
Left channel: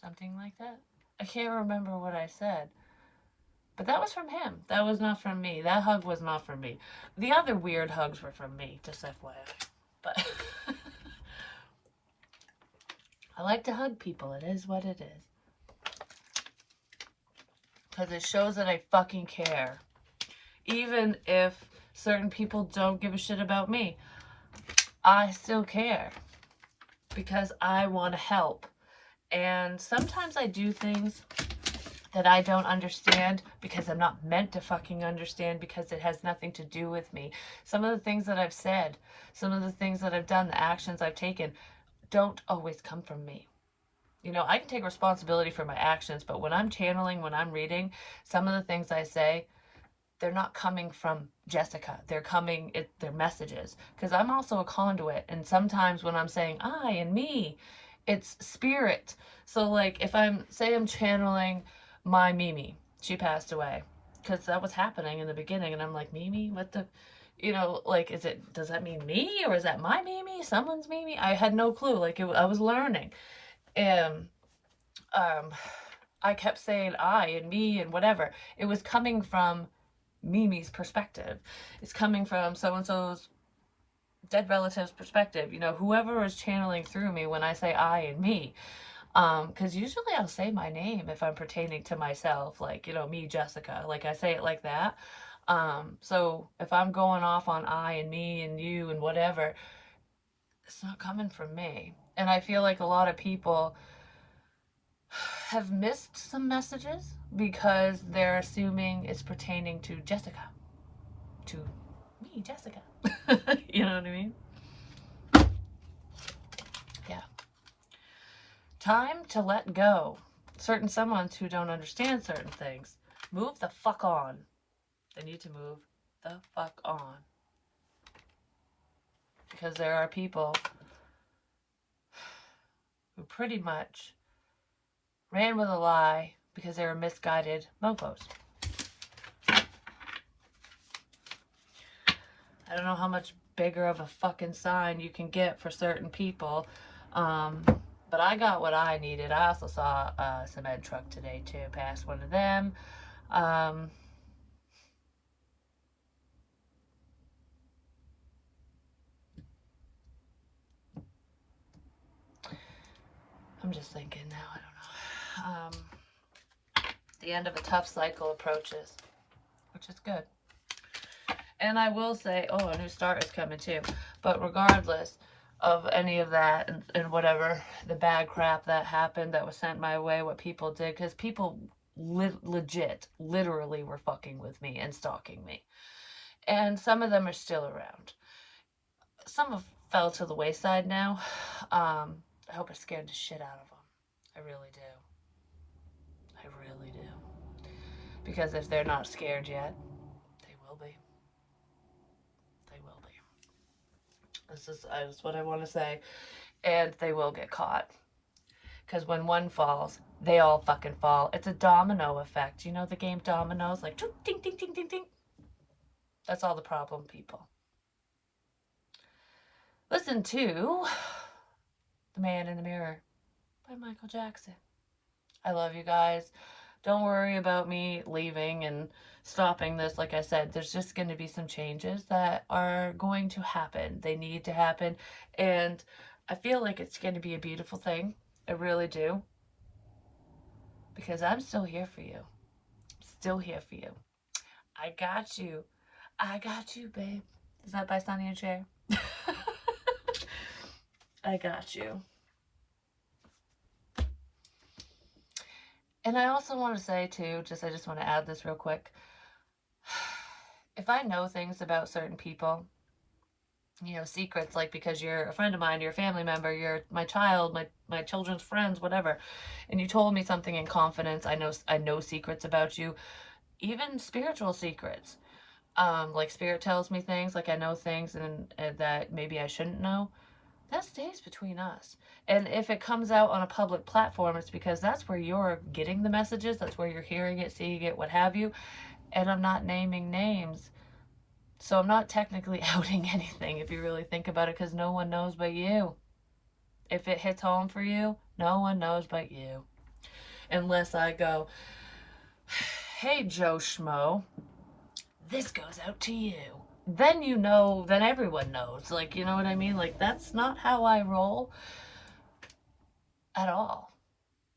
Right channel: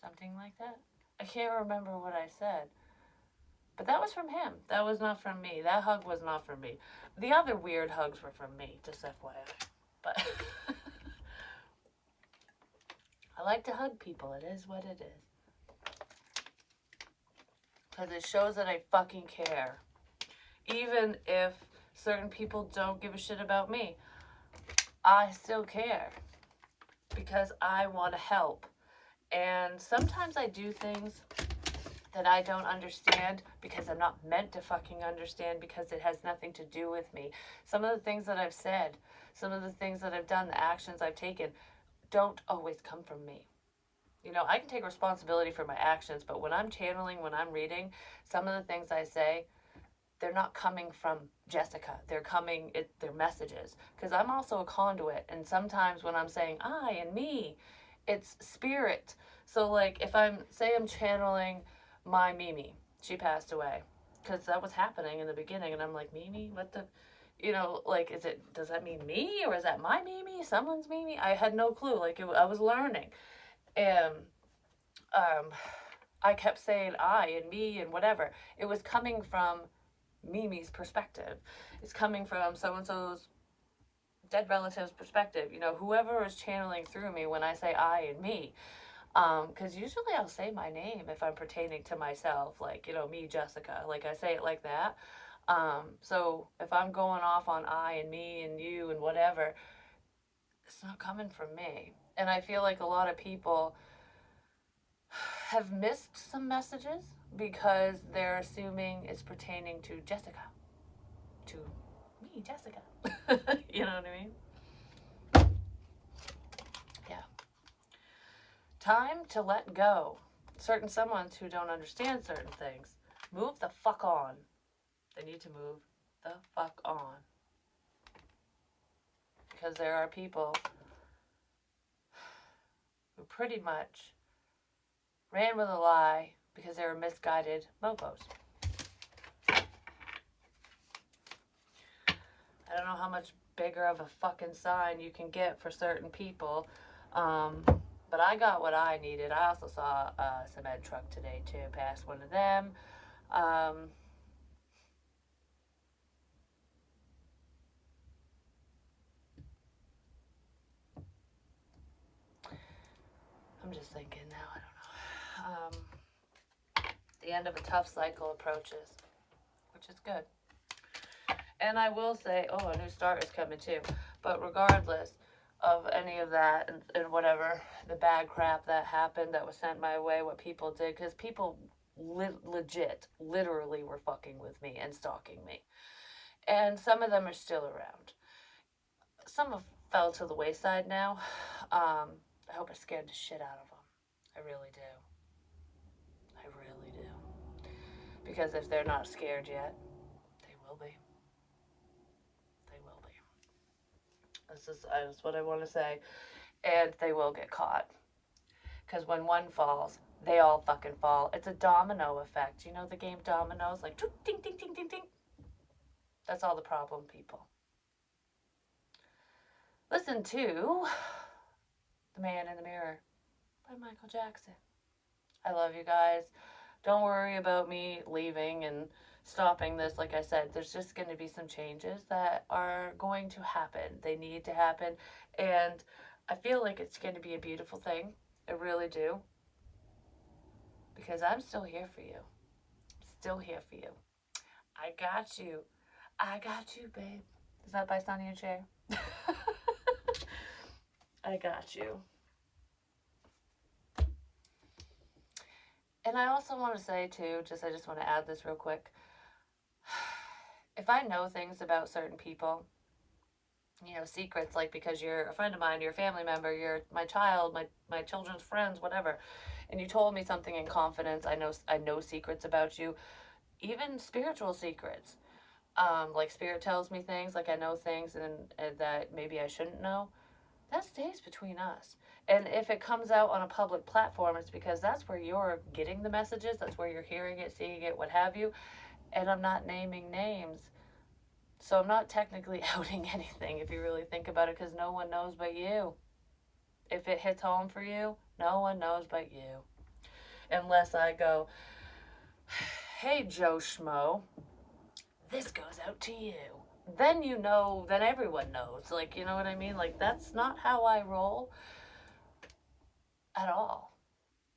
Something like that. I can't remember what I said. But that was from him. That was not from me. That hug was not from me. The other weird hugs were from me, just FYI. But I like to hug people. It is what it is. Because it shows that I fucking care. Even if certain people don't give a shit about me, I still care. Because I want to help. And sometimes I do things that I don't understand because I'm not meant to fucking understand because it has nothing to do with me. Some of the things that I've said, some of the things that I've done, the actions I've taken, don't always come from me. You know, I can take responsibility for my actions, but when I'm channeling, when I'm reading, some of the things I say, they're not coming from Jessica. They're messages. Because I'm also a conduit. And sometimes when I'm saying I and me, it's spirit. So like if I'm channeling my Mimi, she passed away. Because that was happening in the beginning. And I'm like, Mimi, what the, like, does that mean me? Or is that my Mimi? Someone's Mimi? I had no clue. Like I was learning. And I kept saying I and me and whatever. It was coming from Mimi's perspective. It's coming from so and so's dead relative's perspective. You know, whoever is channeling through me when I say I and me. Because usually I'll say my name if I'm pertaining to myself, like, me, Jessica. Like I say it like that. So if I'm going off on I and me and you and whatever, it's not coming from me. And I feel like a lot of people have missed some messages because they're assuming it's pertaining to Jessica. To me, Jessica. You know what I mean? Yeah. Time to let go. Certain someones who don't understand certain things. Move the fuck on. They need to move the fuck on. Because there are people who pretty much ran with a lie because they were misguided mofos. I don't know how much bigger of a fucking sign you can get for certain people. But I got what I needed. I also saw a cement truck today too, past one of them. I'm just thinking now, I don't know. The end of a tough cycle approaches, which is good. And I will say, oh, a new start is coming too. But regardless of any of that and whatever the bad crap that happened that was sent my way, what people did, because people legit, literally were fucking with me and stalking me. And some of them are still around. Some have fell to the wayside now. I hope I scared the shit out of them. I really do. I really do. Because if they're not scared yet, they will be. They will be. That's what I want to say. And they will get caught. Because when one falls, they all fucking fall. It's a domino effect. You know the game dominoes? Like, ding, ding, ding, ding, ding. That's all the problem, people. Listen to The Man in the Mirror by Michael Jackson. I love you guys. Don't worry about me leaving and stopping this. Like I said, there's just going to be some changes that are going to happen. They need to happen. And I feel like it's going to be a beautiful thing. I really do. Because I'm still here for you. Still here for you. I got you. I got you, babe. Is that by Sonny and Cher? I got you. And I also want to say, too, I just want to add this real quick. If I know things about certain people, secrets, like because you're a friend of mine, you're a family member, you're my child, my children's friends, whatever, and you told me something in confidence, I know secrets about you, even spiritual secrets. Like spirit tells me things, like I know things and that maybe I shouldn't know. That stays between us. And if it comes out on a public platform, it's because that's where you're getting the messages, that's where you're hearing it, seeing it, what have you. And I'm not naming names. So I'm not technically outing anything if you really think about it, because no one knows but you. If it hits home for you, no one knows but you. Unless I go, hey, Joe Schmo, this goes out to you. Then then everyone knows. Like, you know what I mean? Like, that's not how I roll at all.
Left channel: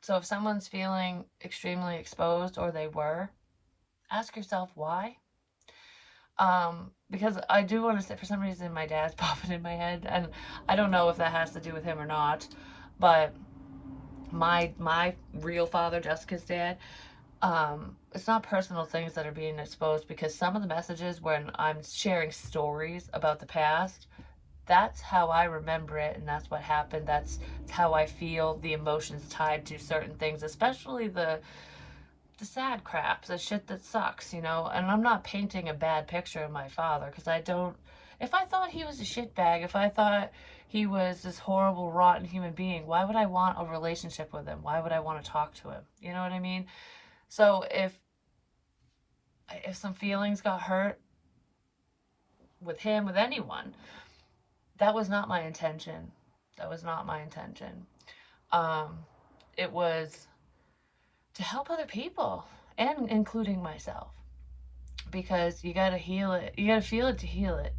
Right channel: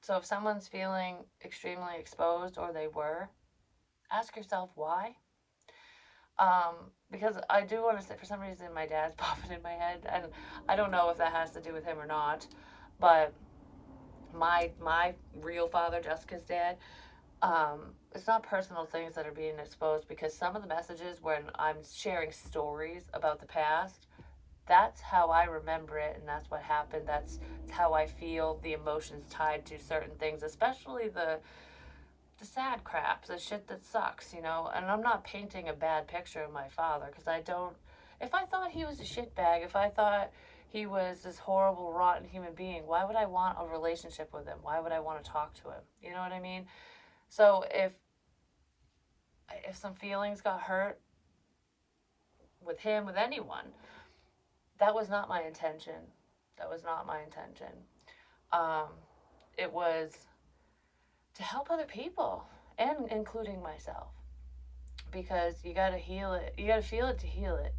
So if someone's feeling extremely exposed, or they were, ask yourself why. Because I do want to say, for some reason, my dad's popping in my head, and I don't know if that has to do with him or not, but my real father, Jessica's dad, it's not personal things that are being exposed, because some of the messages when I'm sharing stories about the past, that's how I remember it, and that's what happened. That's how I feel, the emotions tied to certain things, especially the sad crap, the shit that sucks, And I'm not painting a bad picture of my father, because I don't. If I thought he was a shitbag, if I thought he was this horrible, rotten human being, why would I want a relationship with him? Why would I want to talk to him? You know what I mean? So if some feelings got hurt with him, with anyone, that was not my intention. That was not my intention. Um, it was to help other people, and including myself, because you got to heal it. You got to feel it to heal it.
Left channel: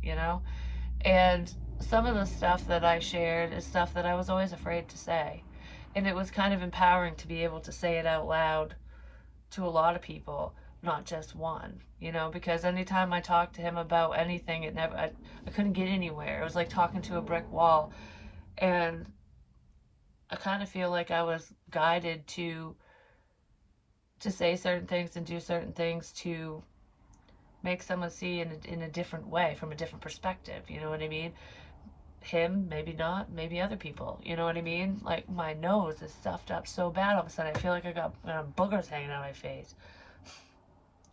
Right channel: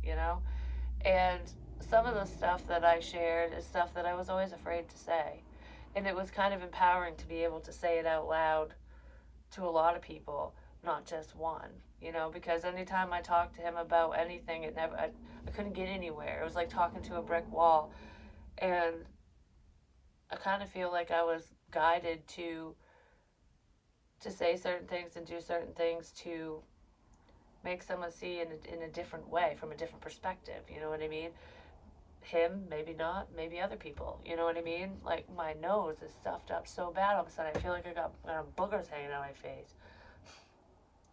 And some of the stuff that I shared is stuff that I was always afraid to say. And it was kind of empowering to be able to say it out loud to a lot of people, not just one, because anytime I talked to him about anything, I couldn't get anywhere. It was like talking to a brick wall. And I kind of feel like I was guided to say certain things and do certain things to make someone see in a different way, from a different perspective. You know what I mean? Him, maybe not, maybe other people. You know what I mean? Like, my nose is stuffed up so bad all of a sudden. I feel like I got boogers hanging out my face.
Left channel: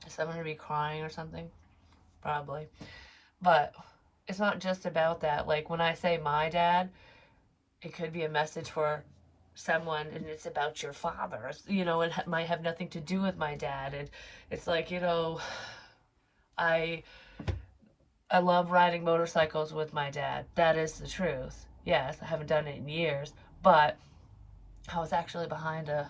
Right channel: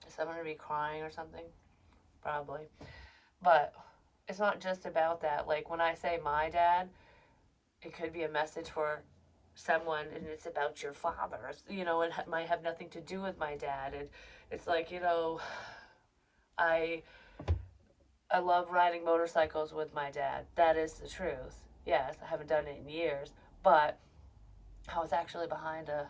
Is someone gonna be crying or something? Probably. But it's not just about that. Like, when I say my dad, it could be a message for someone, and it's about your father. It might have nothing to do with my dad. And it's like, I I love riding motorcycles with my dad. That is the truth. Yes, I haven't done it in years, but I was actually behind a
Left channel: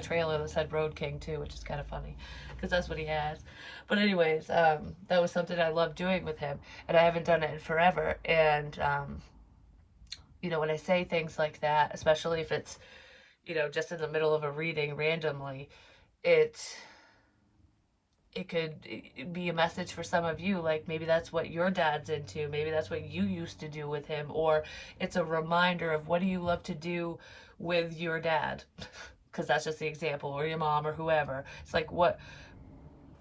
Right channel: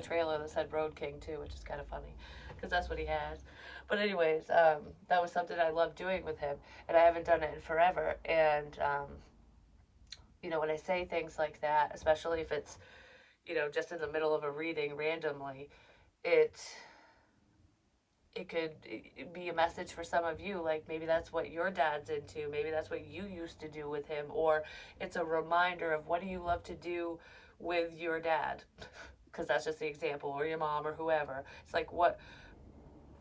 trailer that said Road King too, which is kind of funny because that's what he has. But anyways, that was something I loved doing with him, and I haven't done it in forever. And when I say things like that, especially if it's just in the middle of a reading randomly, it it could be a message for some of you, like maybe that's what your dad's into, maybe that's what you used to do with him, or it's a reminder of what do you love to do with your dad, because that's just the example, or your mom or whoever. It's like, what,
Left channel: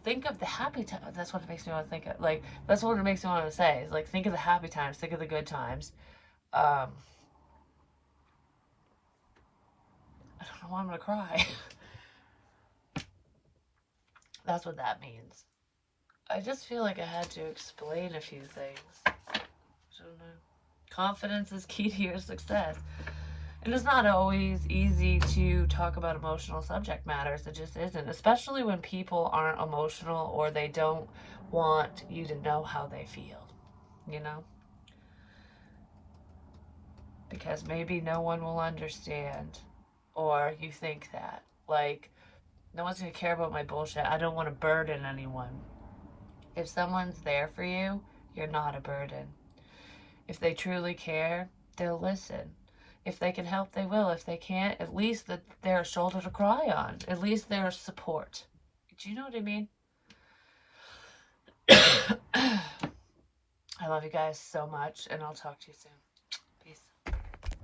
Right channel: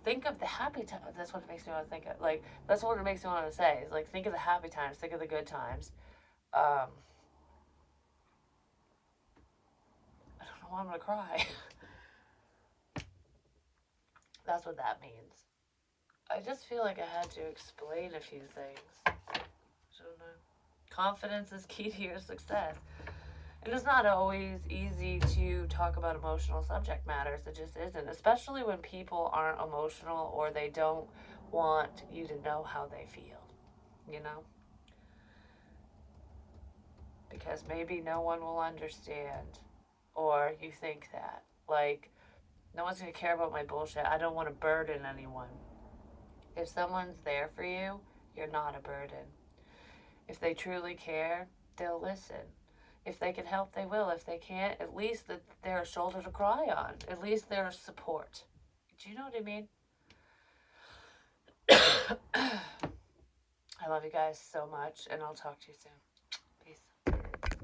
think of the happy time. That's what it makes me want to think of, like that's what it makes me want to say, is like think of the happy times, think of the good times. um I don't know why I'm gonna cry. That's what that means. I just feel like I had to explain a few things. I don't know. Confidence is key to your success. And it's not always easy to talk about emotional subject matters. It just isn't, especially when people aren't emotional or they don't want you to know how they feel, you know? Because maybe no one will understand, or you think that. Like, no one's going to care about my bullshit. I don't want to burden anyone. If someone's there for you, you're not a burden. If they truly care, they'll listen. If they can help, they will. If they can't, at least that they're a shoulder to cry on. At least they're a support. Do you know what I mean? I love you guys so much, and I'll talk to you soon.